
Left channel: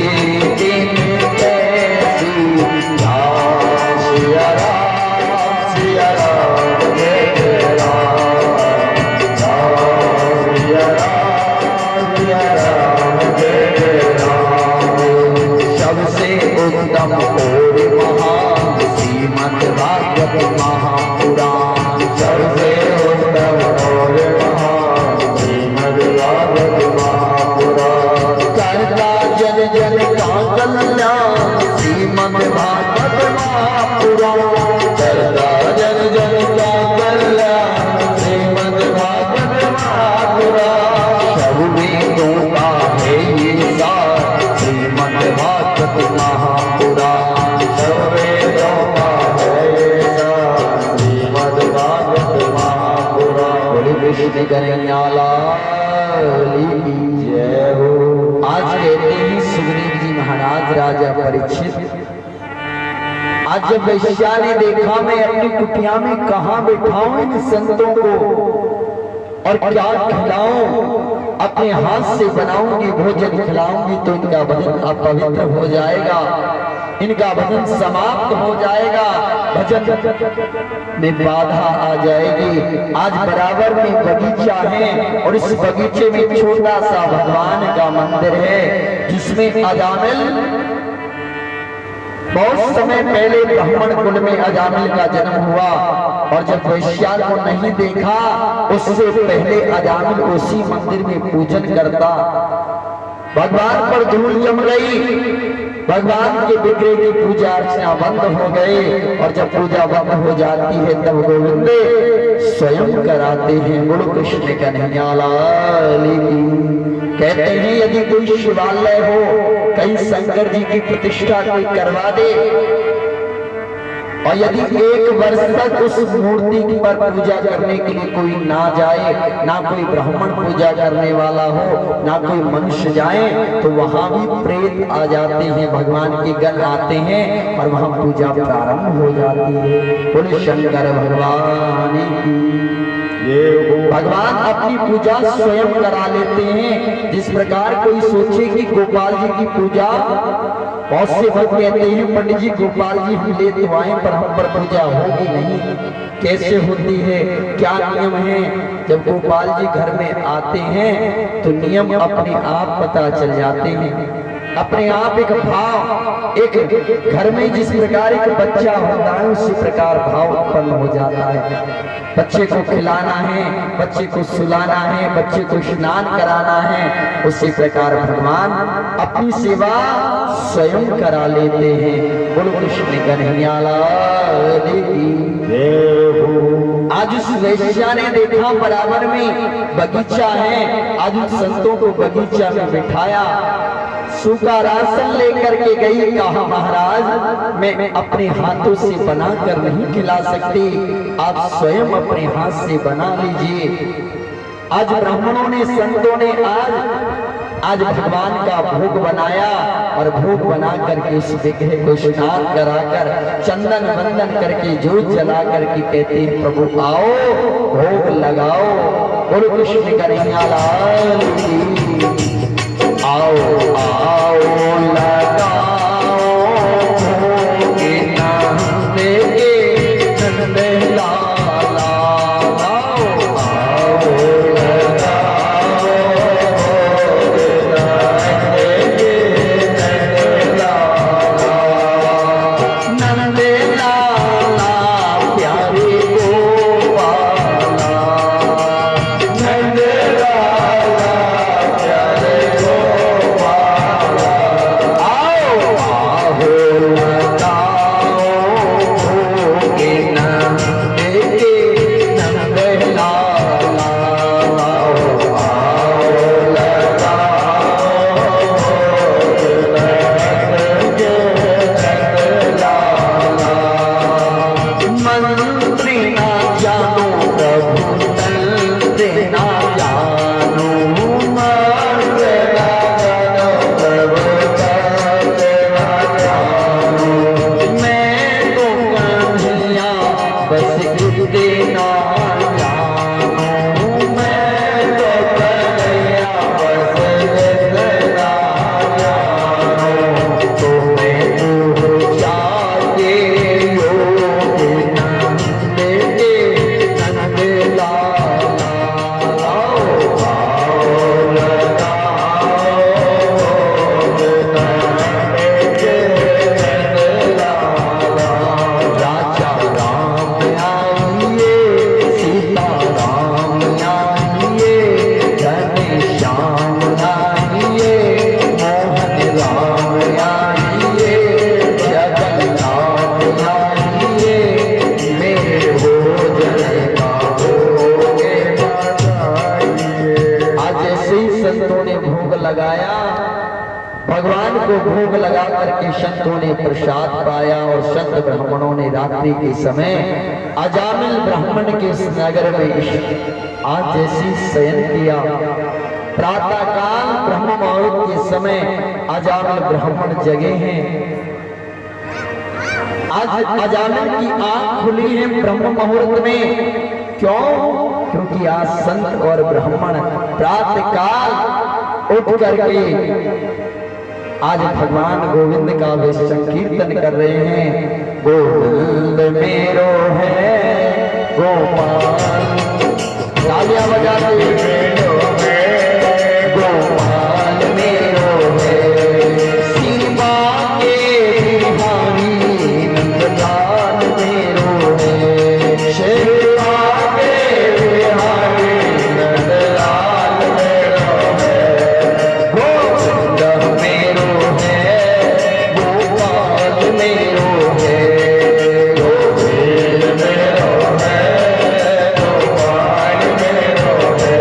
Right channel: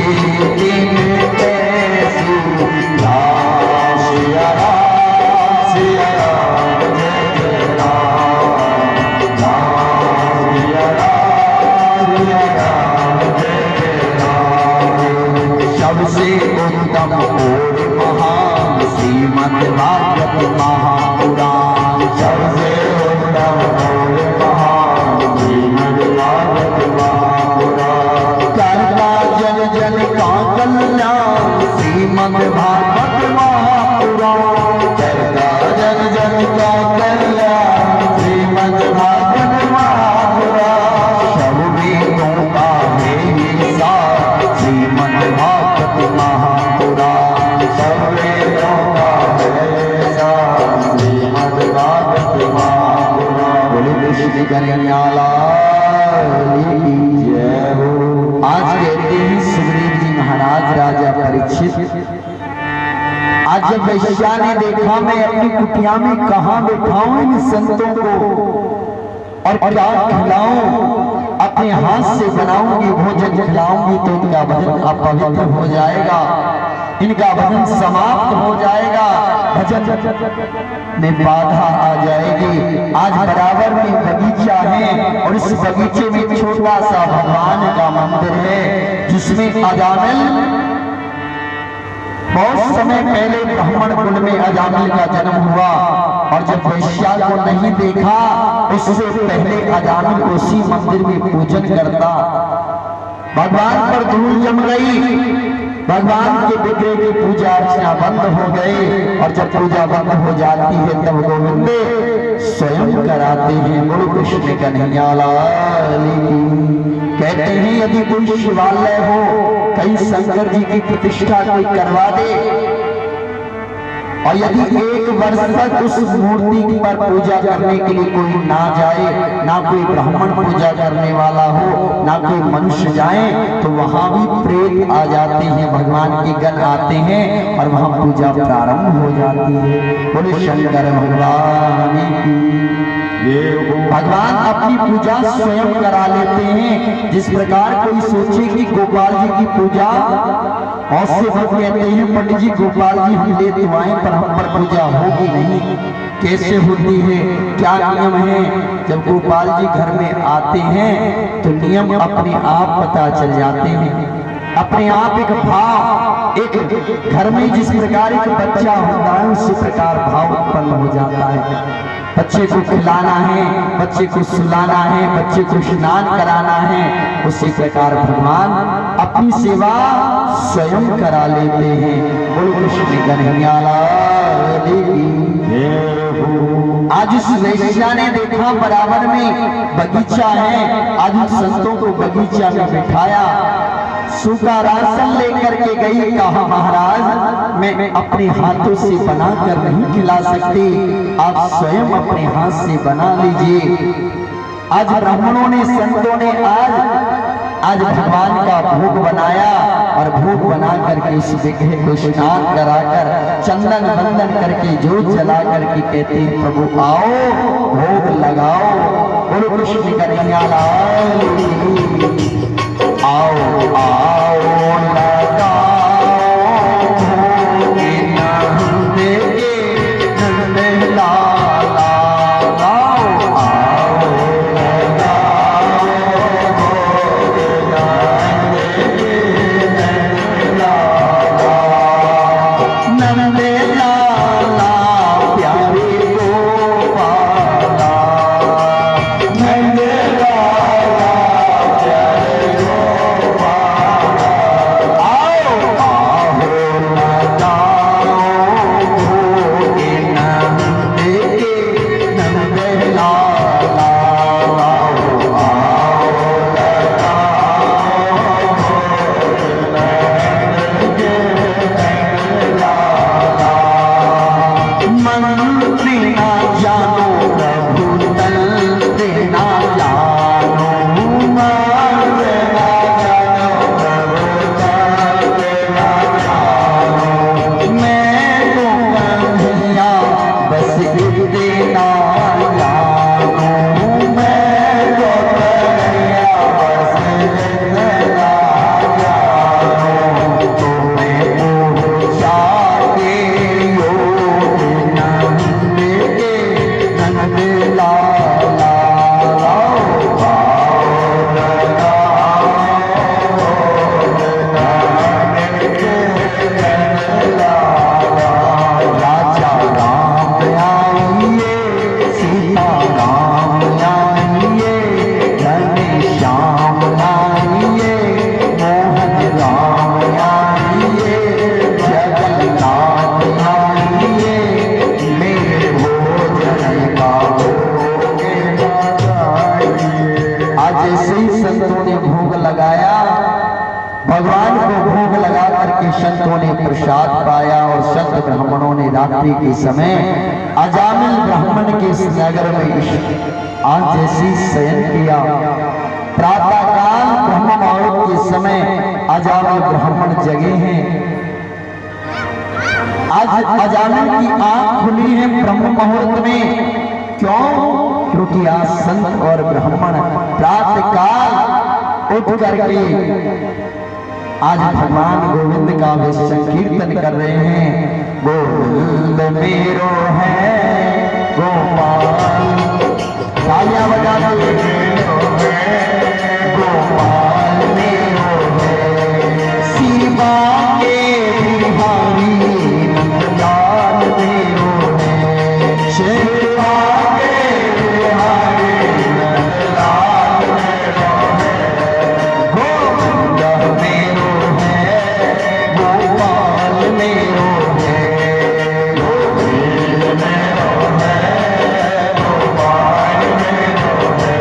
दिन कैसी, राम सिया राम जय जय राम, राम सिया राम जय जय राम, सबसे उत्तम और महान श्रीमद् भागवत महापुराण, सबसे उत्तम और महान श्रीमद् भागवत महापुराण, करता जन जन का कल्याण श्रीमद् भागवत महापुराण, करता जन जन का कल्याण श्रीमद् भागवत महापुराण, सब वेदों का है ये सार श्रीमद् भागवत महापुराण, सब वेदों का है ये सार श्रीमद् भागवत महापुराण, बोले कृष्ण कन्हैया लाल की जय हो। आज कहते हैं सुग्रीव जी महाराज राजा परीक्षित, आज जब वैश्या ने देखा मैं अपनी कुटिया में कहाँ बैठाऊं इन संतों को और क्या खिलाऊं, अपने हाथ से बनाऊंगी भोजन खिलाऊंगी तो इनका भजन अपवित्र हो जाएगा, इनका भजन समाप्त हो जाएगा, भजन में बाधा आ जाएगी। आज बराबर में बगीचा है और इस बगीचे में छोटा सा भगवान का मंदिर है जिसमें अजामिल बहुत समय पहले ब्राह्मण कुल में अजामिल का जन्म हुआ और जब वैश्या को नहीं देखा उससे पहले अजामिल उसी मंदिर में पूजन करता, भगवान पर धूल जम गई, भगवान के विग्रह की पूजा अर्चना बंद हो गए और जब पूजा बंद हो जाती है तब गोविंद स्वयं कराते हैं। गुरु कृष्ण कन्हैया लाल की। कहते हैं यदि कोई शिवालय हो कहीं शंकर जी की प्रतिष्ठा कोई करवा दे और यदि एक वर्ष तक उस मूर्ति पर पूजा करने के लिए कोई ना जाए, ना कोई ब्राह्मण पूजा करने वाला हो, ना कोई मनुष्य जाए, तो वहां भी प्रेत आ जाते हैं, भगवान के गण आते हैं और वहां पूजा प्रारंभ हो जाती है। बोले शंकर भगवान की। भगवान अपनी पूजा स्वयं करा लेते हैं। जिस प्रकार कोई सोचे कि गोपाल जी की पूजा, बहुत से लोग कहते हैं पंडित जी गोपाल जी हम ले तो आए पर हम पर पूजा होगी नहीं, कैसे होती है, क्या नियम है। जब गोपाल जी घर में आते हैं तो नियम अपने आप पता चल जाते हैं। अपने आप एक भाव, एक घर में जिस प्रकार एक बच्चा होता है उसी प्रकार भाव उत्पन्न हो जाता है। बच्चे को खिलाना है, बच्चे को सुलाना है, बच्चे को स्नान कराना है, उसी प्रकार भगवान अपनी सेवा स्वयं करा लेते हैं। बोलो कृष्ण कन्हैया लाल की। आज इस वैश्या ने देखा बराबर में बगीचा है, आज उन संतों को बगीचा में बिठाया, सूखा राशन लेकर के गई, कहा महाराज मैं अपने हाथों से बनाकर नहीं खिला सकती, आप स्वयं अपने हाथ से बना लीजिए। आज ब्राह्मणों ने, संतों ने आज भगवान का भोग बनाया और भोग बना करके उस विग्रह को स्नान कराकर चंदन वंदन करके जोत जला करके कहते हैं प्रभु आओ भोग लगाओ। बोलो कृष्ण कन्हैया लाल की। आओ आओ लगाओ भोग नंद के नंद लाला। आओ आओ लगाओ भोग नंद के नंद लाला। नंद लाला प्यारे गोपाला। नंद लाला प्यारे गोपाला। आओ आओ लगाओ भोग नंद के नंद लाला। आओ आओ लगाओ भोग नंद के नंद लाला। मंत्री ना जानो प्रभु तंत्र ना जानो। मंत्र ना जानो प्रभु तंत्र ना जानो। मैं तो कन्हैया बस गिरते ना जानो। मैं तो कन्हैया बस गिरते ना जानो। तो मैं जाके योग नंद के नंद लाला। आओ आओ लगाओ भोग नंद के नंद लाला। राजा राम आइए, सीता राम आइए, घनश्याम आइए, मोहन राम आइए, जगन्नाथ आइए, मेरे भोजन का भोग लगाइए। आज जैसे ही संतों ने भोग लगाया, भगवान को भोग लगा करके संतों ने प्रसाद पाया और संत ब्राह्मणों ने रात्रि के समय अजामिल ब्राह्मण के इस नगर में आज जैसी शयन किया। प्रातः काल ब्रह्म मुहूर्त के समय अजामिल ब्राह्मण जगे हैं। आज अजामिल की आंख खुली है ब्रह्म मुहूर्त में। क्यों? क्योंकि आज संत और ब्राह्मण प्रातः काल उठ करके आज भगवान गोविंद का वे संकीर्तन कर रहे हैं। गोविंद मेरो है गोपाल। तालियां बजा गोपाल मेरो है। शिवा के बिहारी नंदलाल मेरो है। शिवा के बिहारी नंदलाल मेरो है। गोविंद मेरो है गोपाल मेरो है। गोविंद मेरो है गोपाल मेरो है।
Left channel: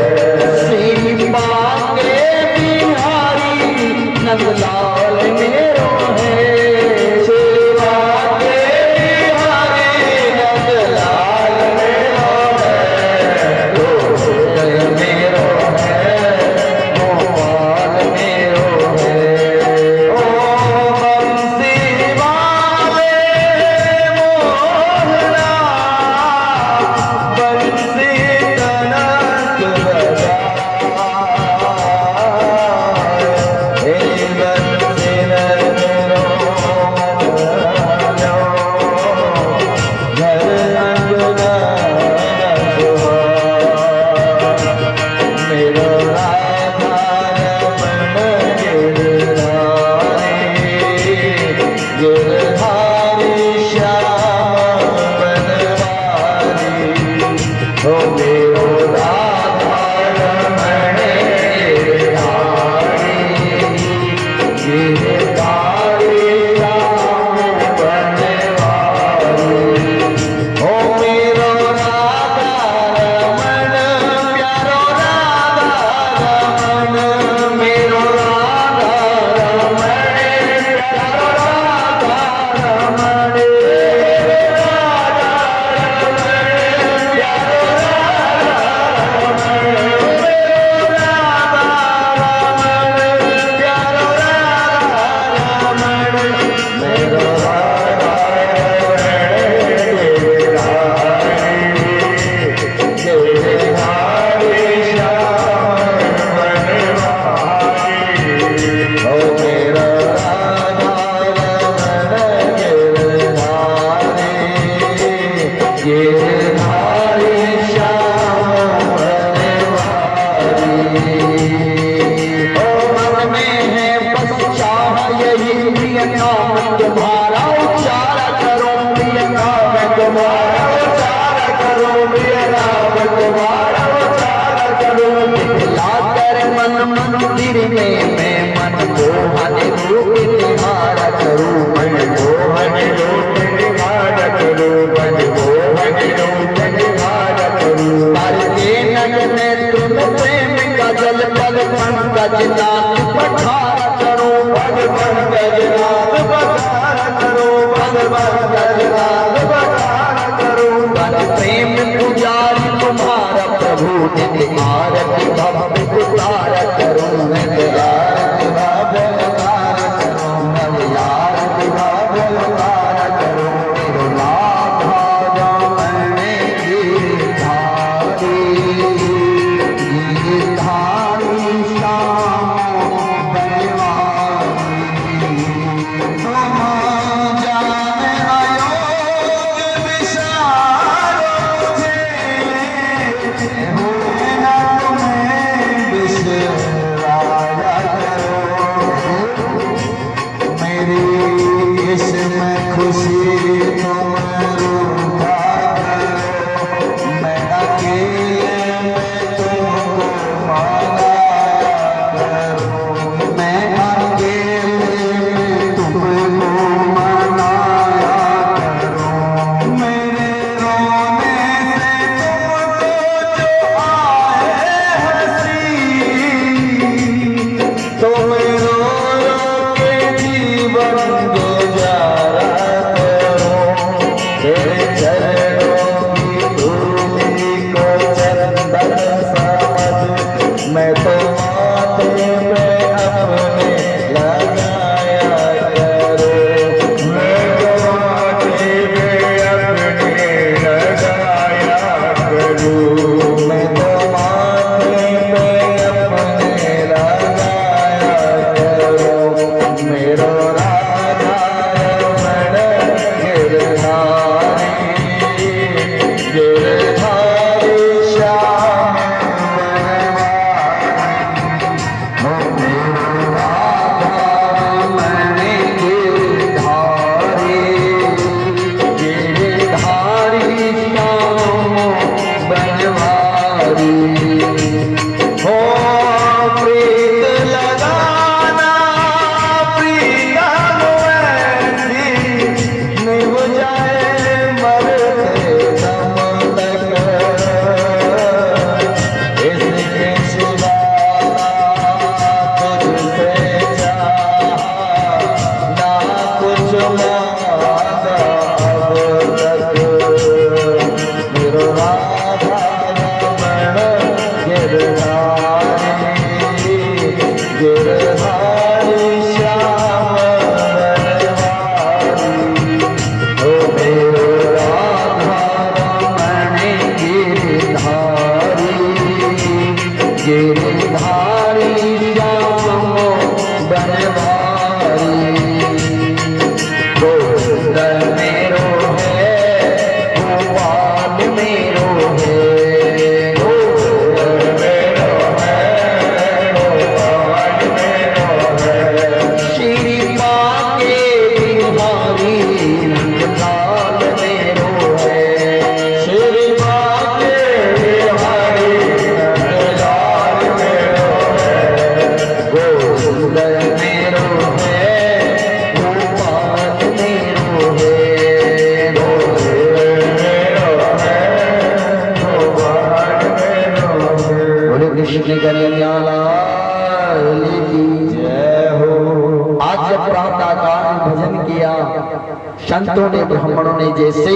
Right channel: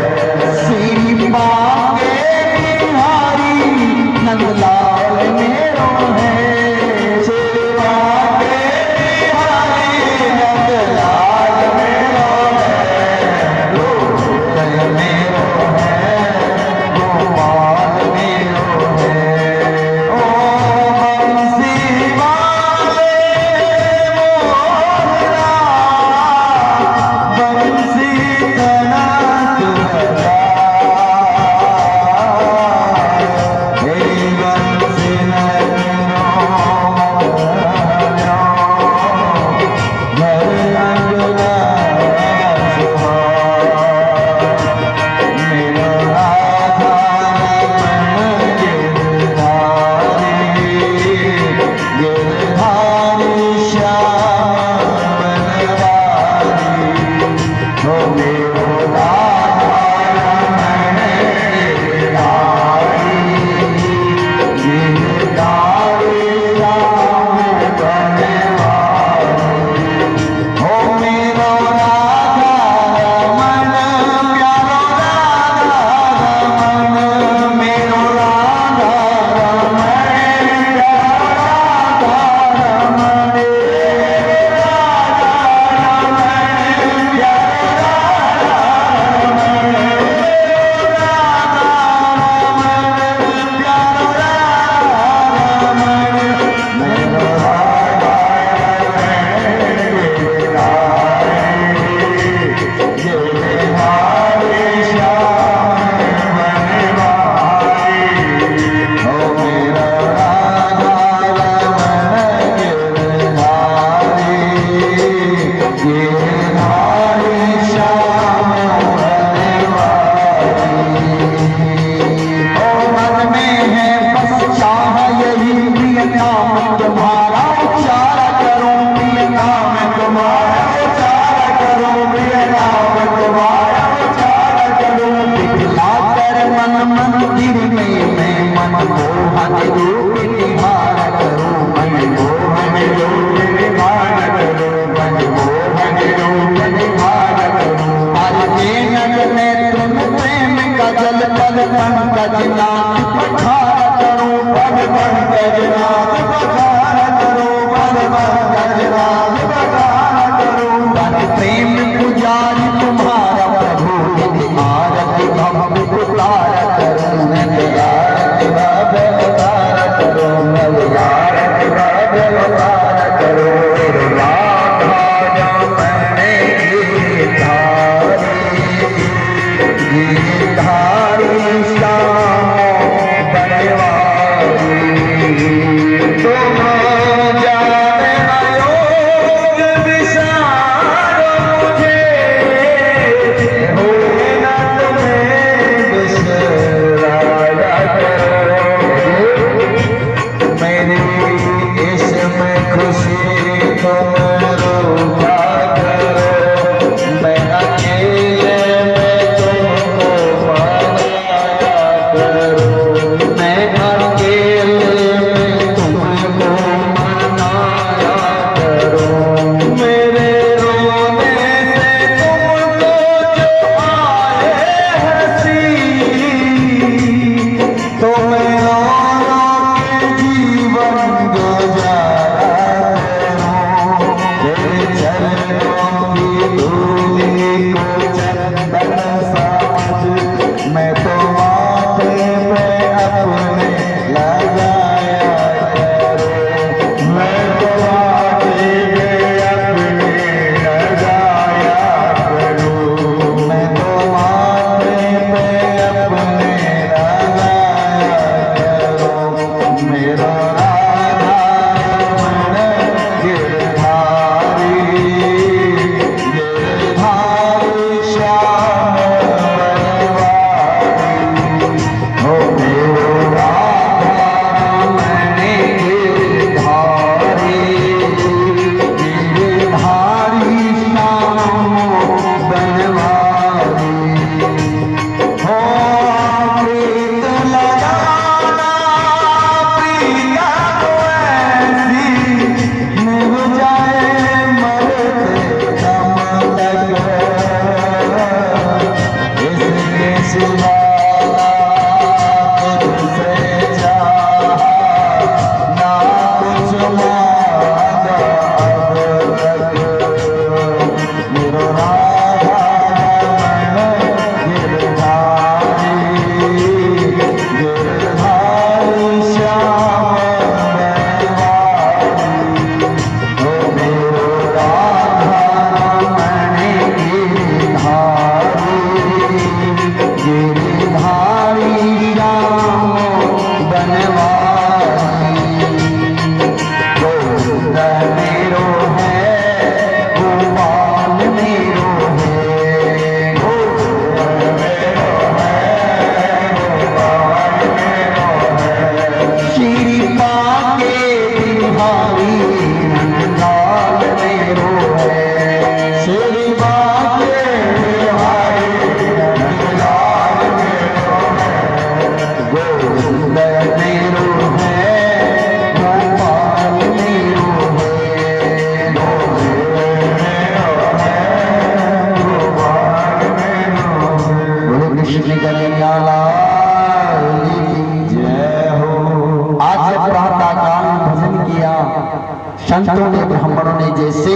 संतों ने ब्राह्मणों ने जैसे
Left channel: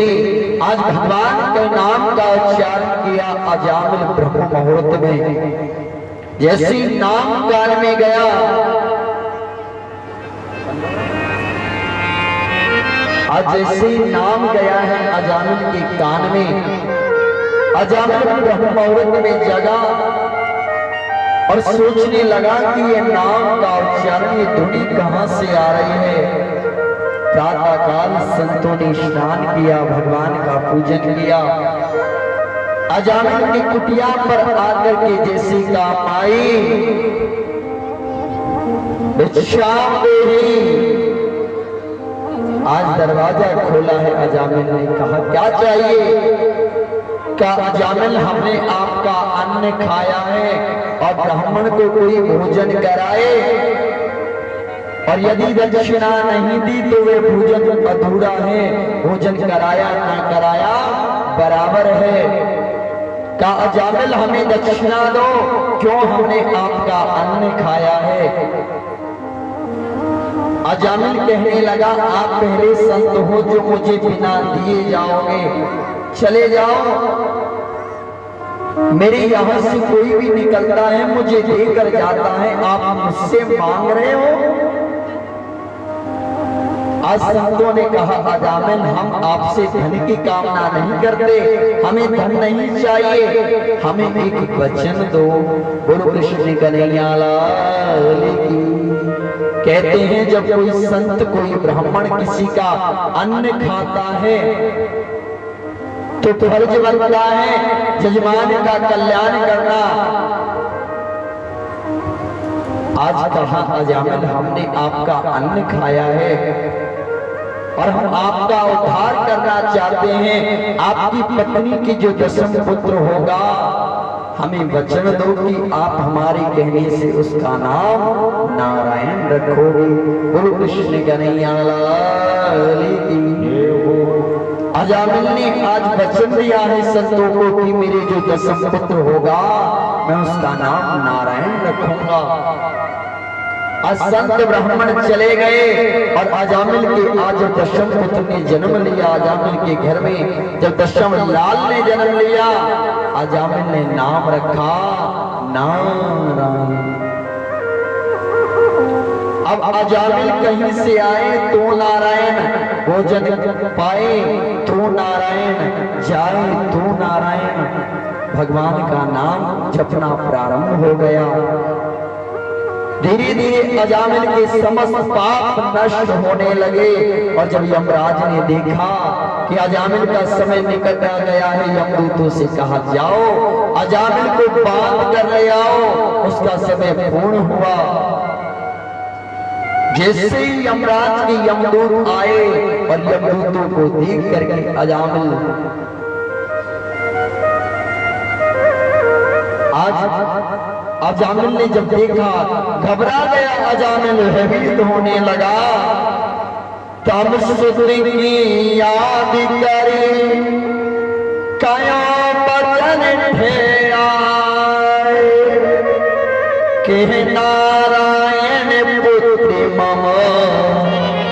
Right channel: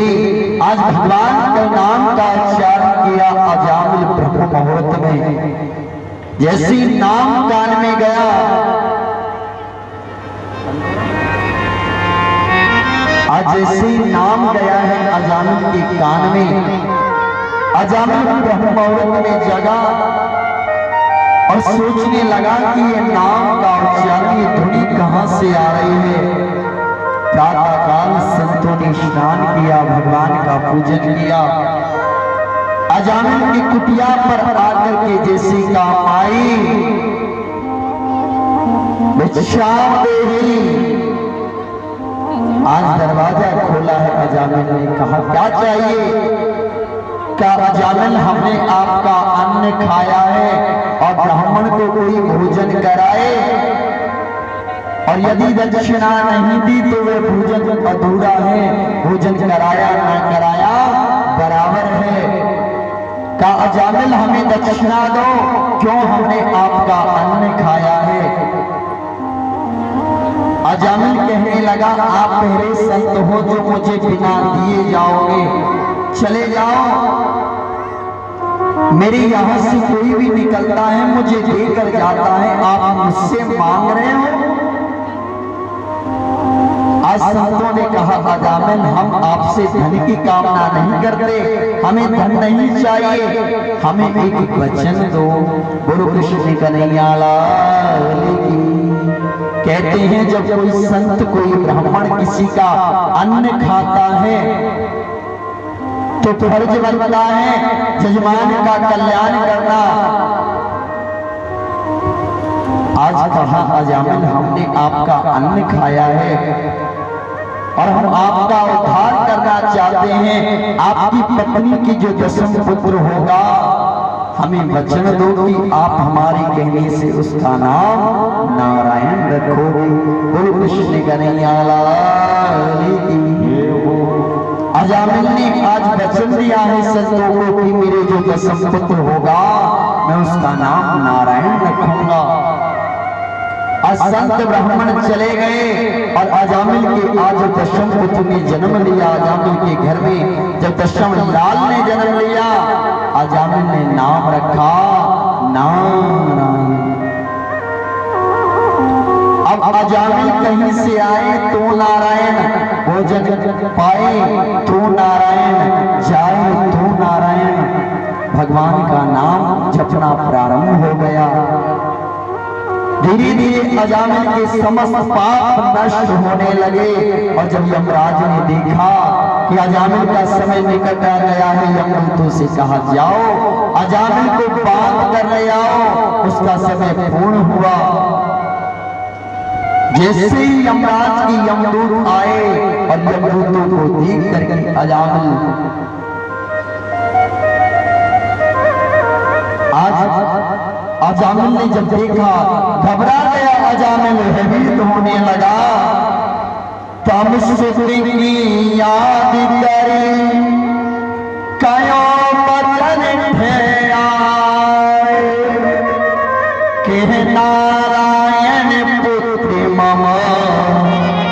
आज भगवान के नाम का उच्चारण किया अजामिल ब्रह्म मुहूर्त में जैसे नाम कान में गया, आज जैसे नाम गया है अजामिल के कान में, अजामिल ब्रह्म मुहूर्त में जगा और सोचने लगा कि ये नाम का उच्चारण, ये ध्वनि कहां से आ रही है। प्रातः काल संतों ने स्नान किया, भगवान का पूजन किया। अजामिल की कुटिया पर आकर के जैसे काम आई, भिक्षाम देही, आज दरवाजा खोला है। अजामिल ने कहा क्या चाहिए? का अजामिल हमने आपका अन्न खाया है और ब्राह्मण को कोई भोजन कराए, और यदि दक्षिणा नहीं दी तो वे भोजन अधूरा है, भोजन कराया ना कराया बराबर है। का अजामिल हमें दक्षिणा दो, क्यों हमने आपका अन्न खाया है। अजामिल कहने लगा आप पहले संत हो जो मुझे बिना दिए जाओगे, चले जाओ। मेरे यहाँ से कोई भी निकलता है मुझे देकर जाता है, आप मुझसे मांग रहे हो। आज संतों ने कहा अजामिल हम आपसे धन की कामना नहीं करते, हमें धन नहीं चाहिए, हमें एक वचन दो। बोलो कृष्ण कन्हैया लाल की। कहते हैं जब कोई संत कोई ब्राह्मण किसी का अन्न खाता है तो फर्ज बनता है जजमान का कल्याण करना। आज कहा अजामिल हमने आपका अन्न खाया है और हम आपका उद्धार करना चाहते हैं। आपकी पत्नी की जो दशम पुत्र होगा हमें वचन दो कि आप हमारे कहने से उसका नाम नारायण रखोगे। बोलो कृष्ण कन्हैया लाल की। अजामिल ने आज वचन दिया है संतों को कि मेरे जो दशम पुत्र होगा मैं उसका नाम नारायण रखूंगा। आज संत ब्राह्मण चले गए और अजामिल के आज दशम पुत्र ने जन्म लिया। अजामिल के घर में जब दशम लाल ने जन्म लिया, अजामिल ने नाम रखा नारायण। अब अजामिल कहीं से आए तो नारायण, भोजन पाए तो नारायण, जाए तो नारायण, भगवान का नाम जपना प्रारंभ हो गया। धीरे धीरे अजामिल के समस्त पाप नष्ट होने लगे। और जब यमराज ने देखा कि अजामिल का समय निकट आ गया है, यमदूतों से कहा जाओ अजामिल को बांध कर ले आओ, उसका समय पूर्ण हुआ। जैसे ही यमराज के यमदूत आए और यमदूतों को देख करके अजामिल अजामिल ने जब देखा घबरा गया। अजामिल भयभीत होने लगा। तम की याद करे कया बचन ठेराए के नारायण पुत्र मम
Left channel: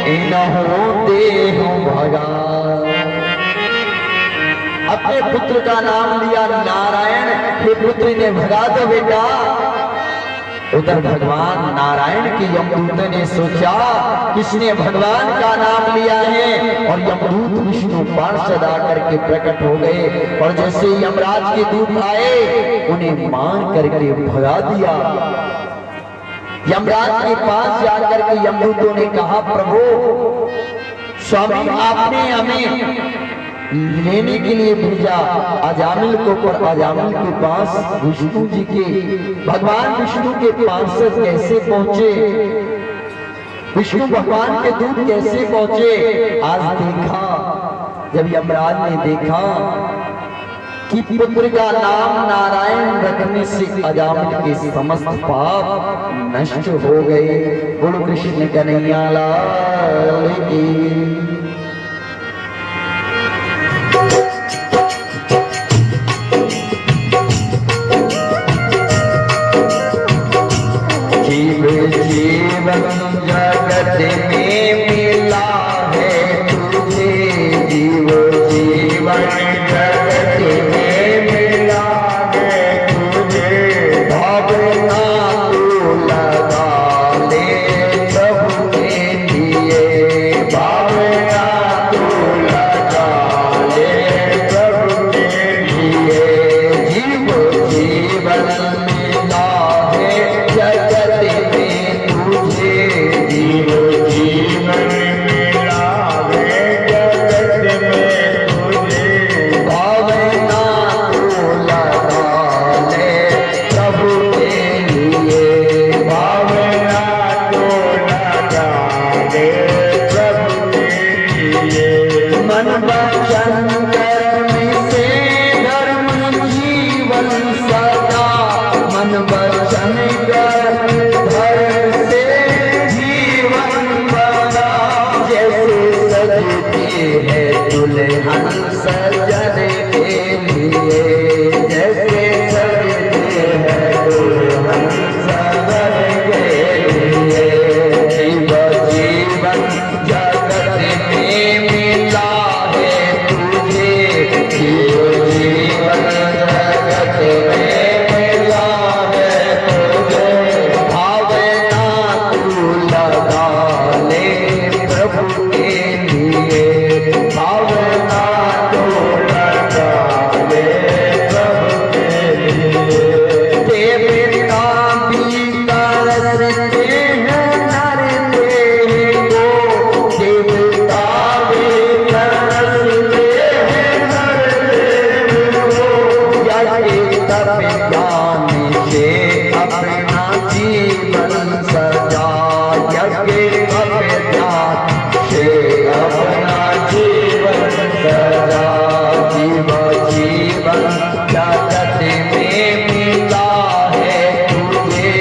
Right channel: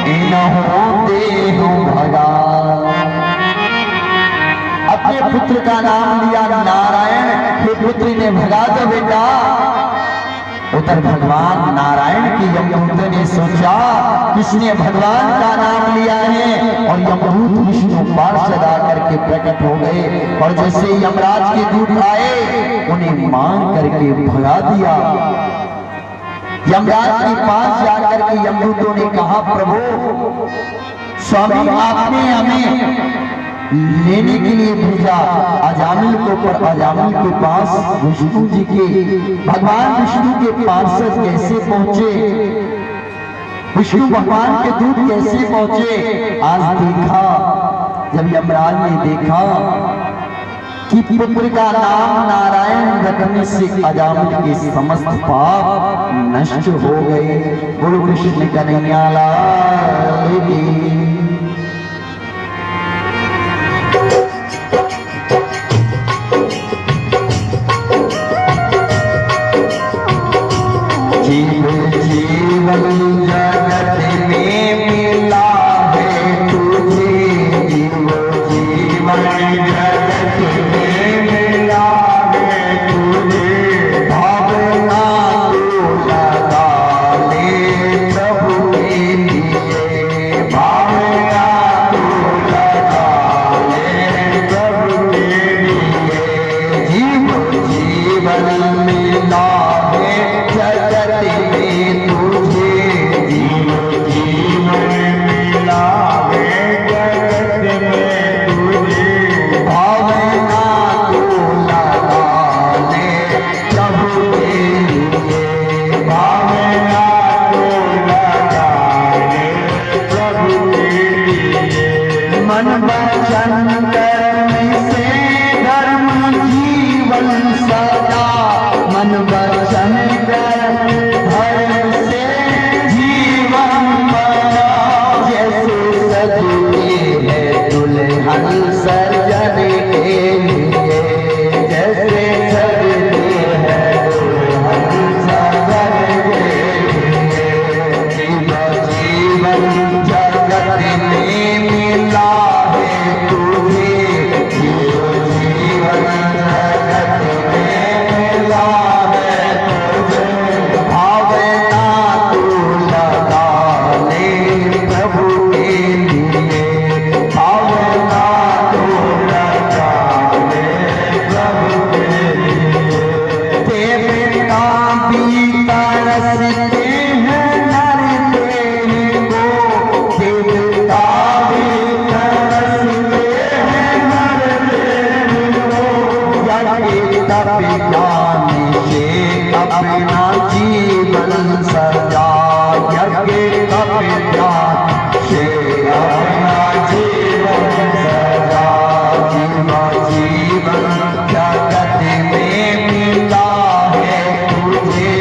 इनहु देहु भगा। अपने पुत्र का नाम लिया नारायण, हे पुत्र ने भगा दो बेटा। उधर भगवान नारायण के यमदूत ने सोचा किसने भगवान का नाम लिया है, और यमदूत विष्णु पार्षद आकर के प्रकट हो गए और जैसे यमराज के दूत आए उन्हें मान करके भगा दिया। यमराज के पास जाकर के यमदूतों ने कहा प्रभु स्वामी आपने हमें लेने के लिए भेजा अजामिल को, पर अजामिल के पास विष्णु जी के भगवान विष्णु के पार्षद कैसे पहुंचे, विष्णु भगवान के दूत कैसे पहुंचे। आज देखा जब यमराज ने देखा कि पुत्र का नाम नारायण रखने से अजामिल के समस्त पाप नष्ट हो गए। बोलो कृष्ण कन्हैया लाल की। जीवन जगत में मिला है मन वचन कर्म से धर्म जीवन सदा, मन वचन कर्म धर्म से जीवन सदा। जैसे सजते हैं दुल्हन सजन के लिए, जैसे सजते हैं दुल्हन सजन के लिए। जीवन जगत में मिला है तुझे, जीवन जगत में मिला है तुझे। भावना तू लगा ले प्रभु के लिए, भावना तू लगा ले प्रभु के लिए। देव का भी तरसते हैं नर देव को, देवता भी तरसते हैं नर देव को। यज्ञ तप ज्ञान से अपना जीवन सजा, यज्ञ तप ज्ञान से अपना जीवन सजा। जीवन जगत में मिला है तुझे,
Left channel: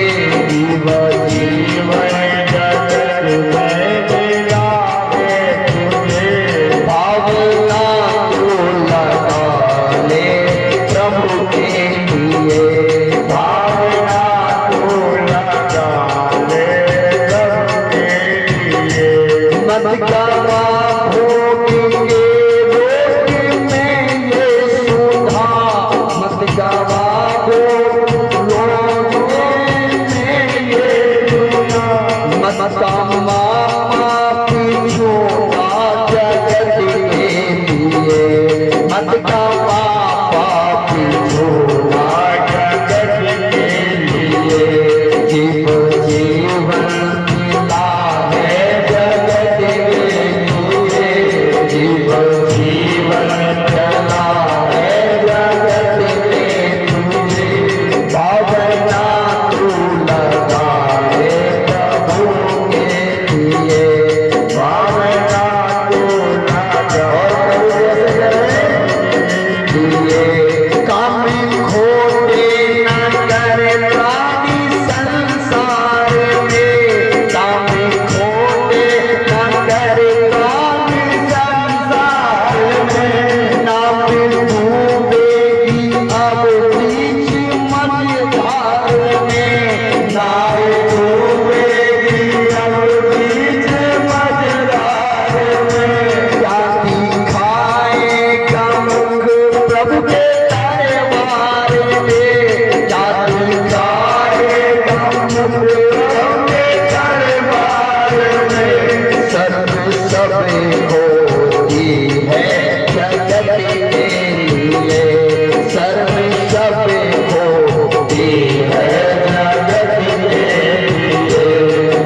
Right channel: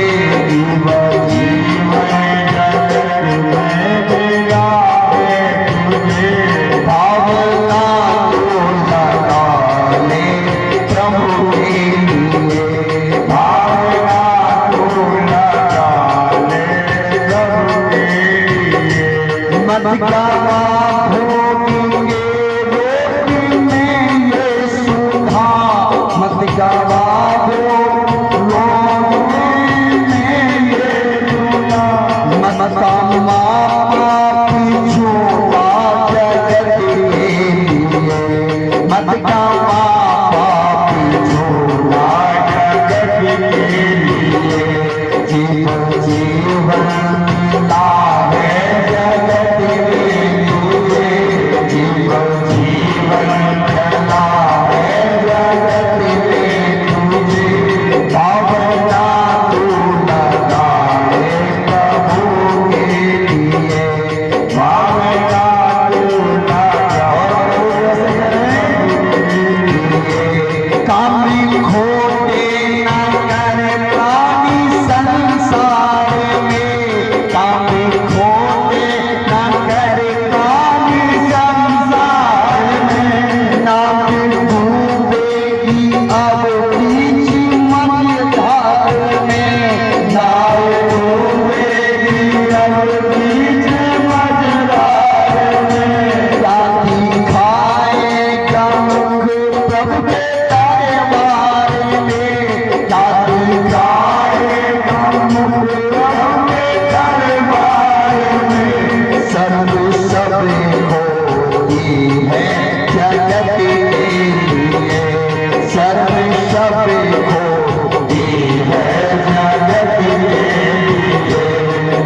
जीवन जगत में मिला है तुझे। भावना तू लगा ले प्रभु के लिए, भावना तू लगा ले प्रभु के लिए। मत गवा भोगेंगे लोक में ये सुधा, मत गवा लोक में ये सुधा। मत कामा पापी छोड़ा जगत के लिए, मत कामा पापी छोड़ा जगत के लिए। जीवन मिला है जगत में तुझे, जीवन मिला है जगत में तुझे। भावना तू लगा ले प्रभु के लिए, भावना तू लगा ले। कामी खोटे न करे प्राणी संसार में, कामी खोटे न करे प्राणी संसार में। नाम डूबेगी अब बीच मझधार में, नाव डूबेगी अब बीच मझधार में। जाति खाएगा मुख प्रभु के दरबार में, जाति खाएगा मुख प्रभु के दरबार में। सर्व सब होती है जगत के लिए, सर्व सब होती है जगत के लिए।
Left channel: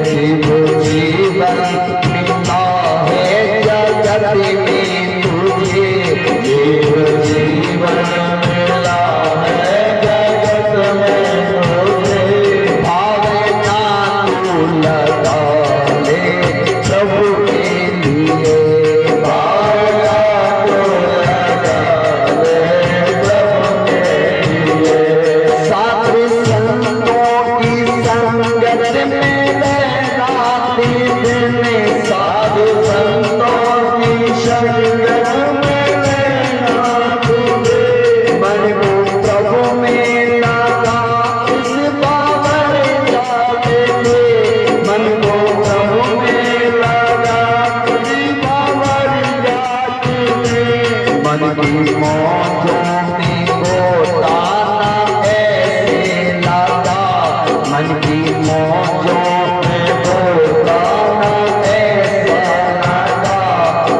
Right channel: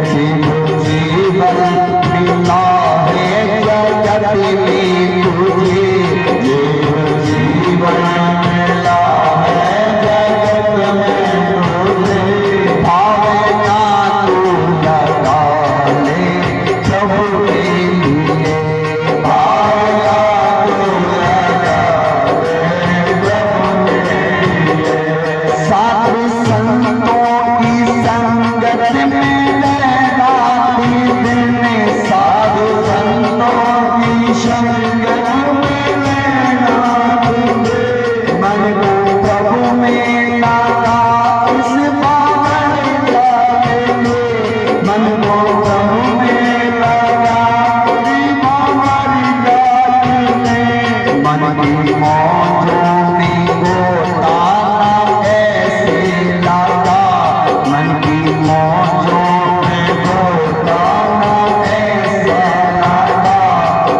जीवन मिला है जगत में तुझे, जीवन मिला है जगत में तुझे। भावना तू लगा ले प्रभु के लिए, भावना तू लगा ले प्रभु के लिए। साधु संतों की संगत में रहना दिन में, साधु संतों की संगत में रहना तुझे। मन को प्रभु में लगा इस बाबर जाने, मन को प्रभु में लगा इस बाबर जाने। मन की मौजों में गोता ऐसे लगा, मन की मौजों में गोता ऐसे लगा।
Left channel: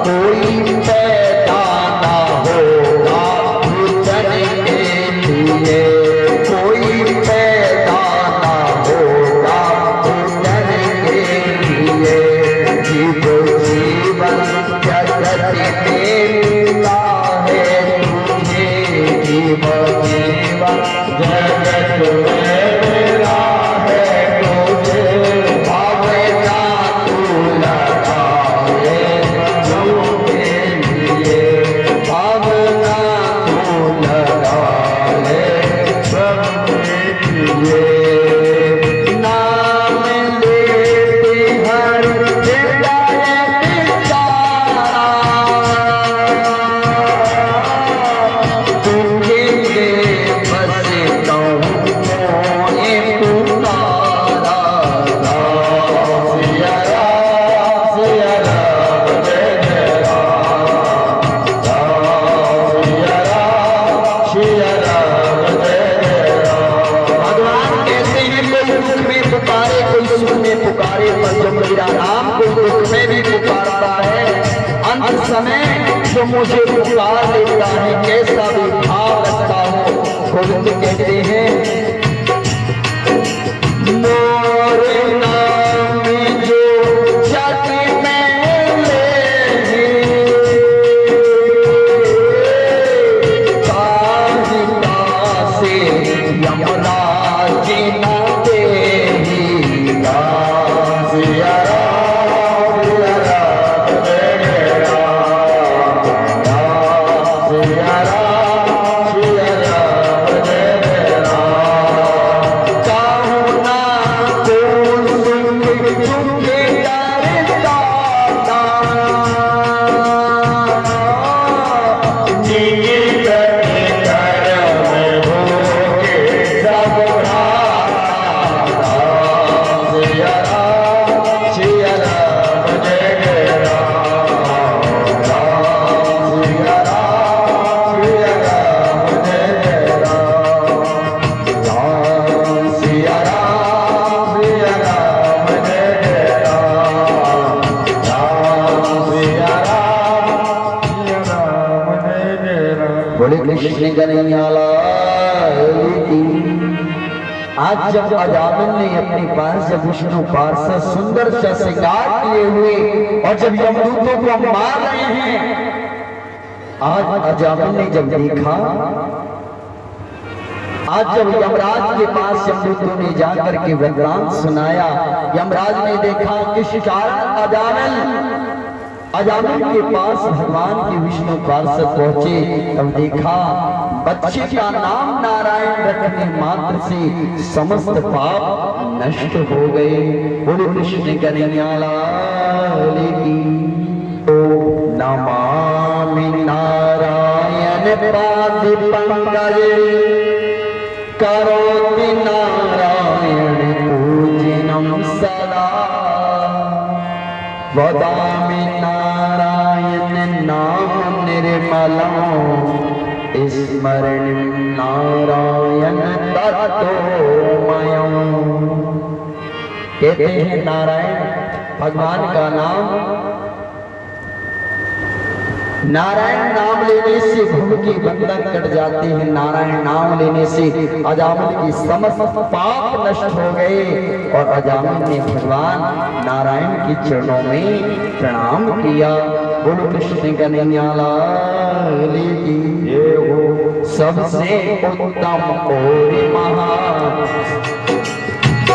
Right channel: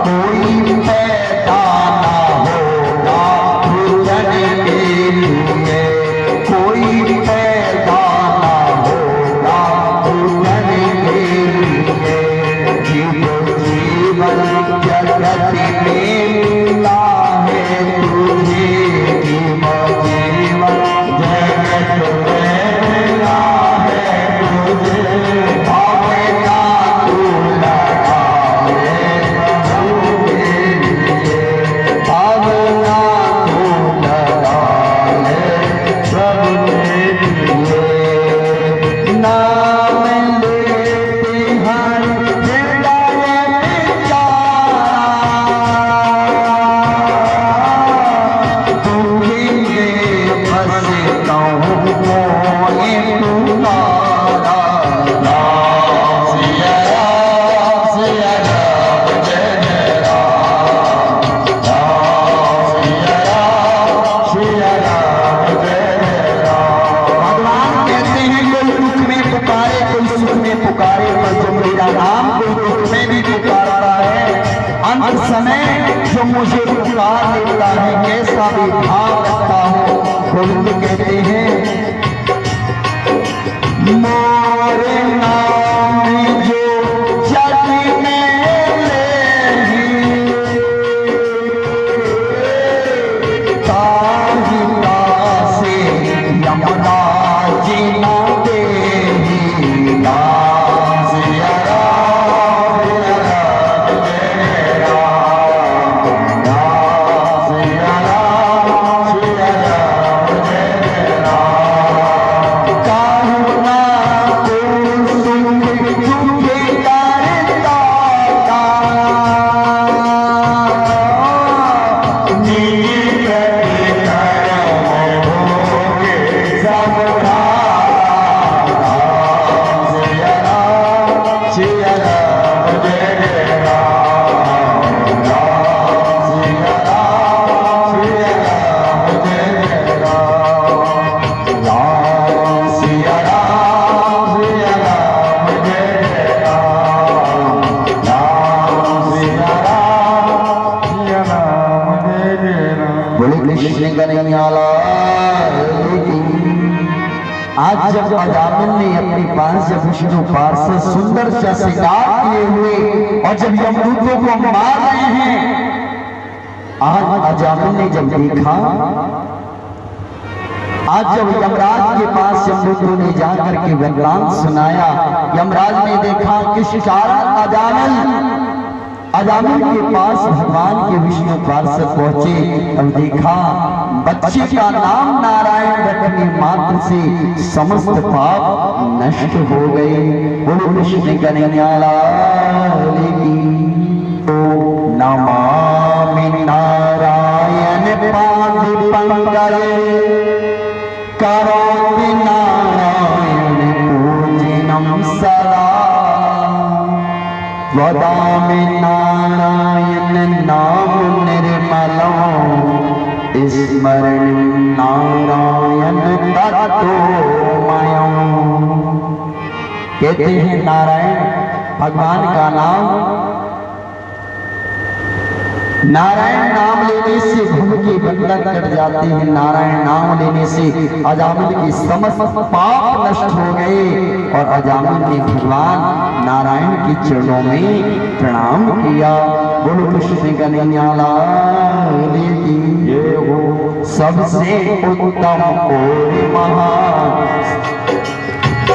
कोई पैदा ना होगा पूजन के लिए, कोई पैदा ना होगा पूजन के लिए। जीवन जगत में मिला है तुझे, जीवन जगत में मिला है तुझे। भावना तू लगा ले प्रभु के लिए, जो मुझे पुकार लेता है, कैसा भी भाव रखता है। गोविंद कहते हैं मोरे नाम जो जग में ले ताहिता से यमराज न दे कृष्ण कन्हैया लाल की। आज जब अजामिल ने अपने पास जब विष्णु पार्षद सुंदर सा शिकार किए हुए और जब यमदूतों को मार रहे हैं, आज अजामिल ने जब देखा, आज जब यमराज के पास यमदूतों ने जाकर के वरदान सुनाया, यमराज ने देखा किस कारण अजामिल के पास भगवान के विष्णु पार्षद पहुंचे। तब देखा बच्चे का नाम नारायण रखने मात्र से समस्त पाप नष्ट हो गए। बोलो कृष्ण कन्हैया लाल की। नमामि नारायण पाद पंकज करोमि नारायण पूजनम सदा वदामि नारायण नाम निर्मलम् स्मरण नारायण तत्वमयम्। कहते हैं नारायण भगवान का नाम, नारायण नाम लेने से भूख के बंधन कट जाते हैं। नारायण नाम लेने से अजामिल की समस्त पाप नष्ट हो गए और अजामिल ने भगवान नारायण के चरणों में प्रणाम किया। बोलो कृष्ण कन्हैया लाल की। सबसे उत्तम और महान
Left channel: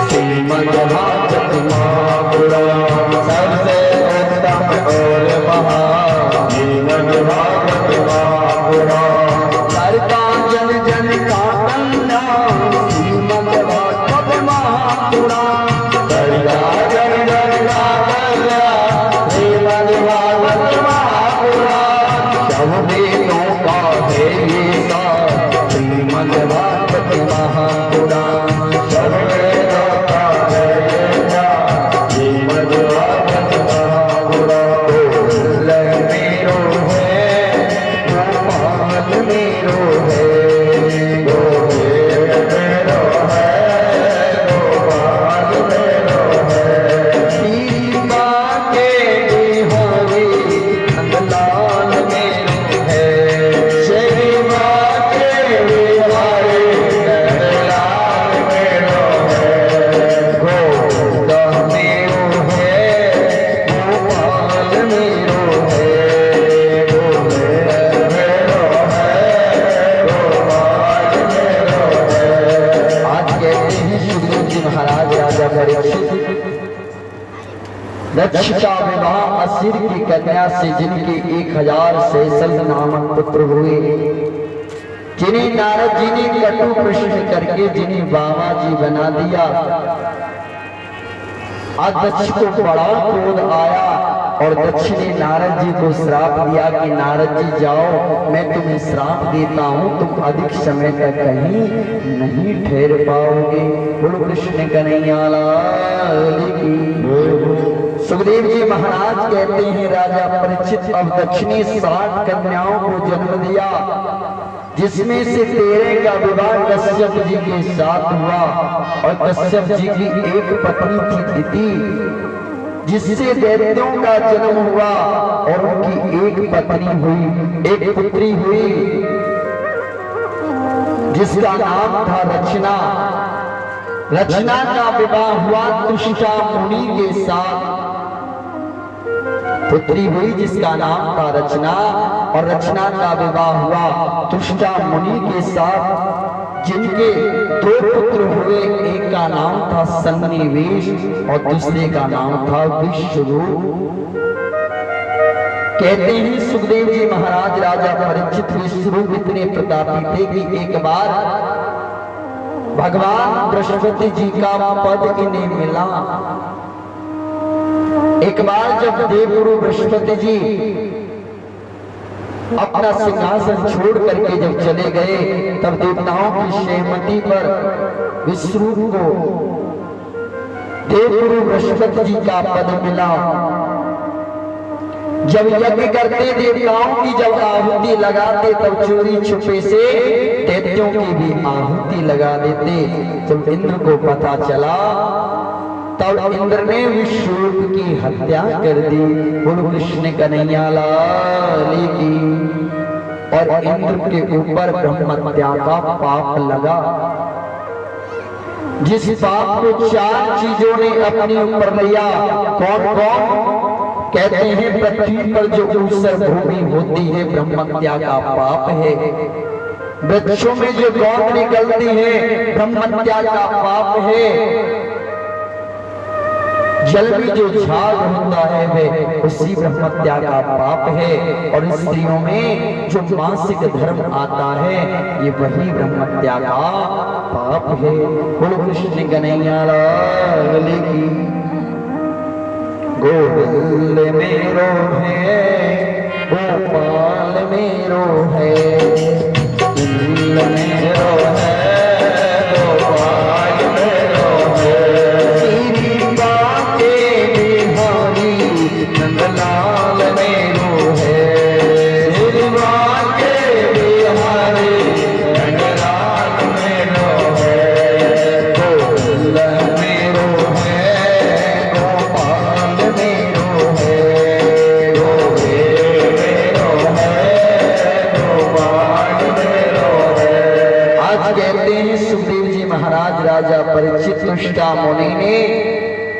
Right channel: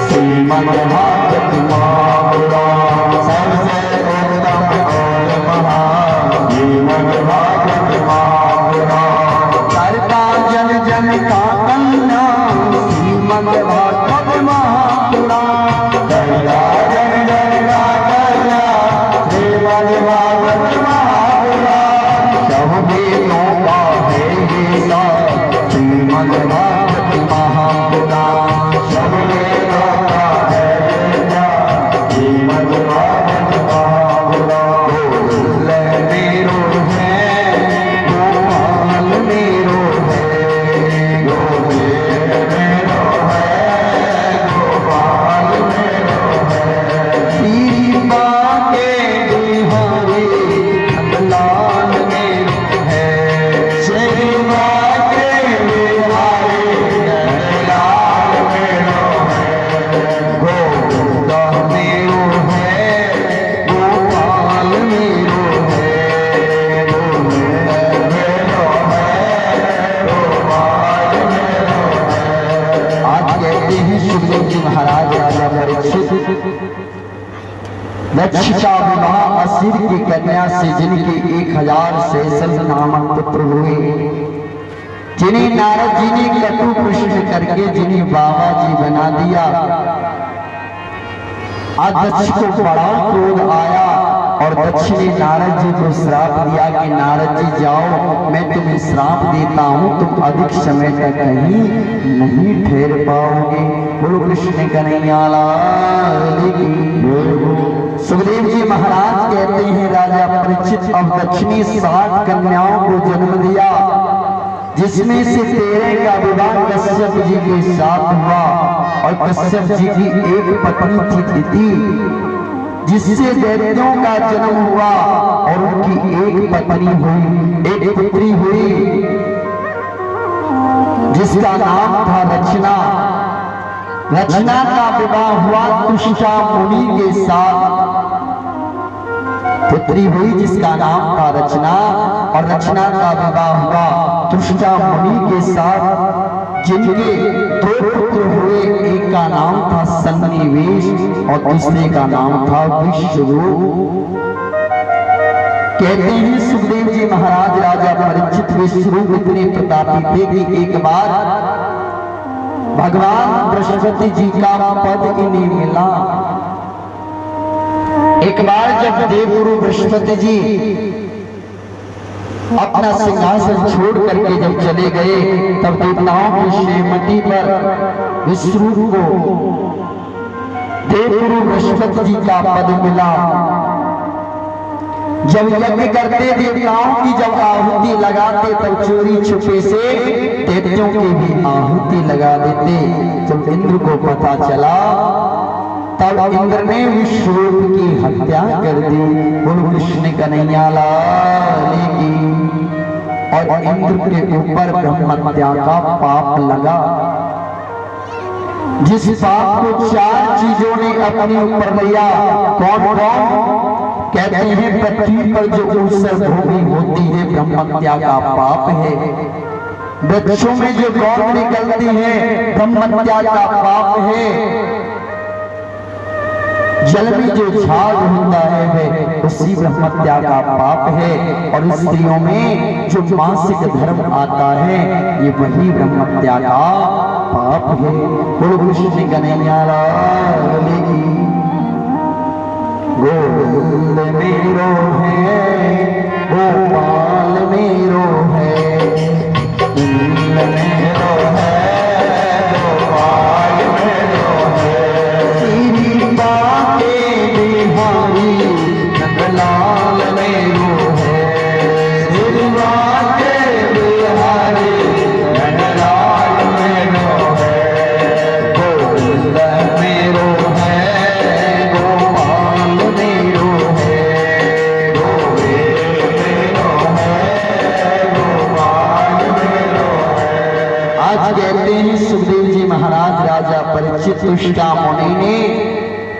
श्रीमद्भागवत महापुराण, सबसे उत्तम और महान श्रीमद्भागवत महापुराण, करता जन जन का कल्याण श्रीमद्भागवत महापुराण, करता जन जन का कल्याण श्रीमद्भागवत महापुराण, सब वेदों का भेदा श्रीमद्भागवत महापुराण, सब वेदों का भेदा श्रीमद्भागवत महापुराण। मेरो है गोपाल मेरो है, गोविंद मेरो है, गोपाल मेरो है, दीपा के बिहारी नंदलाल मेरो है, शेरवा के बिहारी नंदलाल मेरो है, गोविंद मेरो है, गोपाल मेरो है, गोविंद मेरो है, गोपाल मेरो है। आज कहते हैं सुखदेव जी महाराज राजा परीक्षित दक्षिता विवाह असुर की कन्या से जिनके 1000 शेषन नामक पुत्र हुए, जिन्हें नारद जी ने कटु प्रश्न करके जिन्हें बाबा जी बना दिया। आज दक्ष को बड़ा क्रोध आया और दक्ष ने नारद जी को श्राप दिया कि नारद जी जाओ, मैं तुम्हें श्राप देता हूँ, तुम अधिक समय तक कहीं नहीं ठहर पाओगे। बोलो कृष्ण कन्हैया लाल की। सुखदेव जी महाराज कहते हैं राजा परीक्षित अब दक्ष ने 60 कन्याओं को जन्म दिया, जिसमें से 13 का विवाह कश्यप जी के साथ हुआ और कश्यप जी की एक पत्नी थी दिति, जिससे दैत्यों का जन्म हुआ और उनकी एक पत्नी हुई, एक पुत्री हुई, जिसका नाम था रचना। रचना का विवाह हुआ तुष्टा मुनि के साथ। पुत्री हुई जिसका नाम था रचना, और रचना का विवाह हुआ तुष्टा मुनि के साथ, जिनके दो पुत्र हुए। एक का नाम था सन्निवेश और दूसरे का नाम था विश्वरूप। कहते हैं सुखदेव जी महाराज राजा परीक्षित विश्वरूप इतने प्रतापी थे कि एक बार भगवान बृहस्पति जी का पद इन्हें मिला। एक बार जब देवगुरु बृहस्पति जी अपना सिंहासन छोड़ करके जब चले गए, तब देवताओं की श्रीमती पर विश्वरूप को देवगुरु बृहस्पति जी का पद मिला। जब यज्ञ करते देवताओं की जब आहुति लगाते, तब चोरी छुपे से दैत्यों की भी आहुति लगा देते। जब इंद्र को पता चला, तब इंद्र ने विश्वरूप की हत्या कर दी। बोलो कृष्ण कन्हैया लाल की। और इंद्र के ऊपर ब्रह्महत्या का पाप लगा। जिस पाप को 4 चीजों ने अपने ऊपर लिया, कौन कौन? कहते हैं पृथ्वी पर जो ऊसर भूमि होती है ब्रह्महत्या का पाप है। वृक्षों में जो गौर निकलती है ब्रह्महत्या का पाप है। जल में जो झाग होता है वह उसी ब्रह्महत्या का पाप है। और स्त्रियों में जो मासिक धर्म आता है ये वही ब्रह्महत्या का पाप है। बोलो कृष्ण कन्हैया लाल की। गोविंद मेरो है, गोपाल मेरो है, गोविंद मेरो है, गोपाल मेरो है, श्री बाके बिहारी नंदलाल मेरो है, श्री बाके बिहारी नंदलाल मेरो है, गोविंद मेरो परीक्षित तुष्टा मुनि ने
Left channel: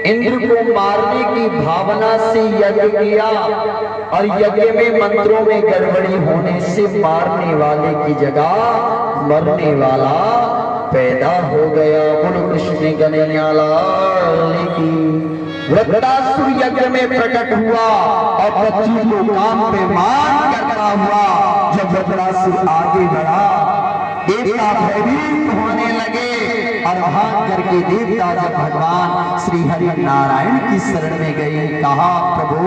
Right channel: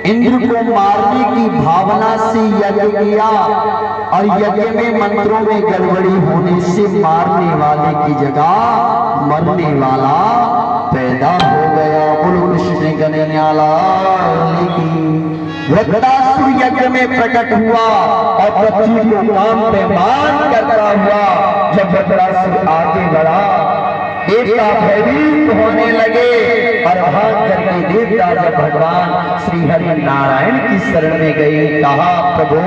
इंद्र को मारने की भावना से यज्ञ किया, और यज्ञ में मंत्रों में गड़बड़ी होने से मारने वाले की जगह मरने वाला पैदा हो गया। बोलो कृष्ण कन्हैया लाल की। वृत्रासुर यज्ञ में प्रकट हुआ और पृथ्वी को काम पे मान करता हुआ। जब वृत्रासुर आगे बढ़ा, देवता भयभीत होने लगे, और भाग करके देवता जब भगवान श्री हरि नारायण की शरण में गए, कहा प्रभु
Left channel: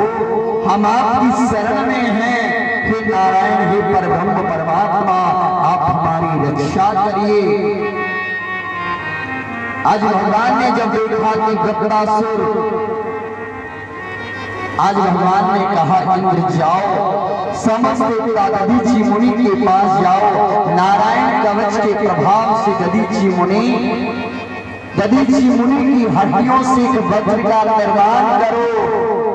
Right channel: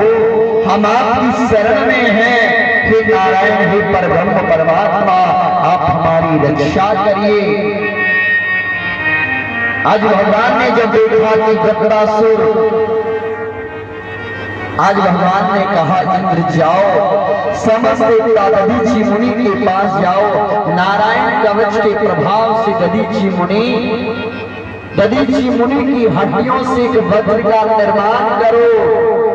हम आपकी शरण में हैं, हे नारायण, हे परब्रह्म परमात्मा, आप हमारी रक्षा करिए। आज भगवान ने जब देखा कि वृत्रासुर, आज भगवान ने कहा इंद्र जाओ, समस्त देवता दधीचि मुनि के पास जाओ, नारायण कवच के प्रभाव से दधीचि मुनि की हड्डियों से एक वज्र का निर्माण करो,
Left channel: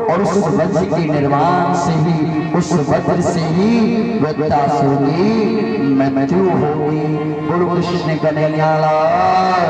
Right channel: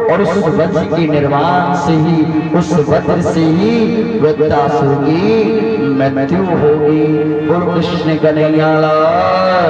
और उस वज्र के निर्माण से ही, उस वज्र से ही वृत्रासुर की मृत्यु होगी। गुरु कृष्ण कन्हैया लाल।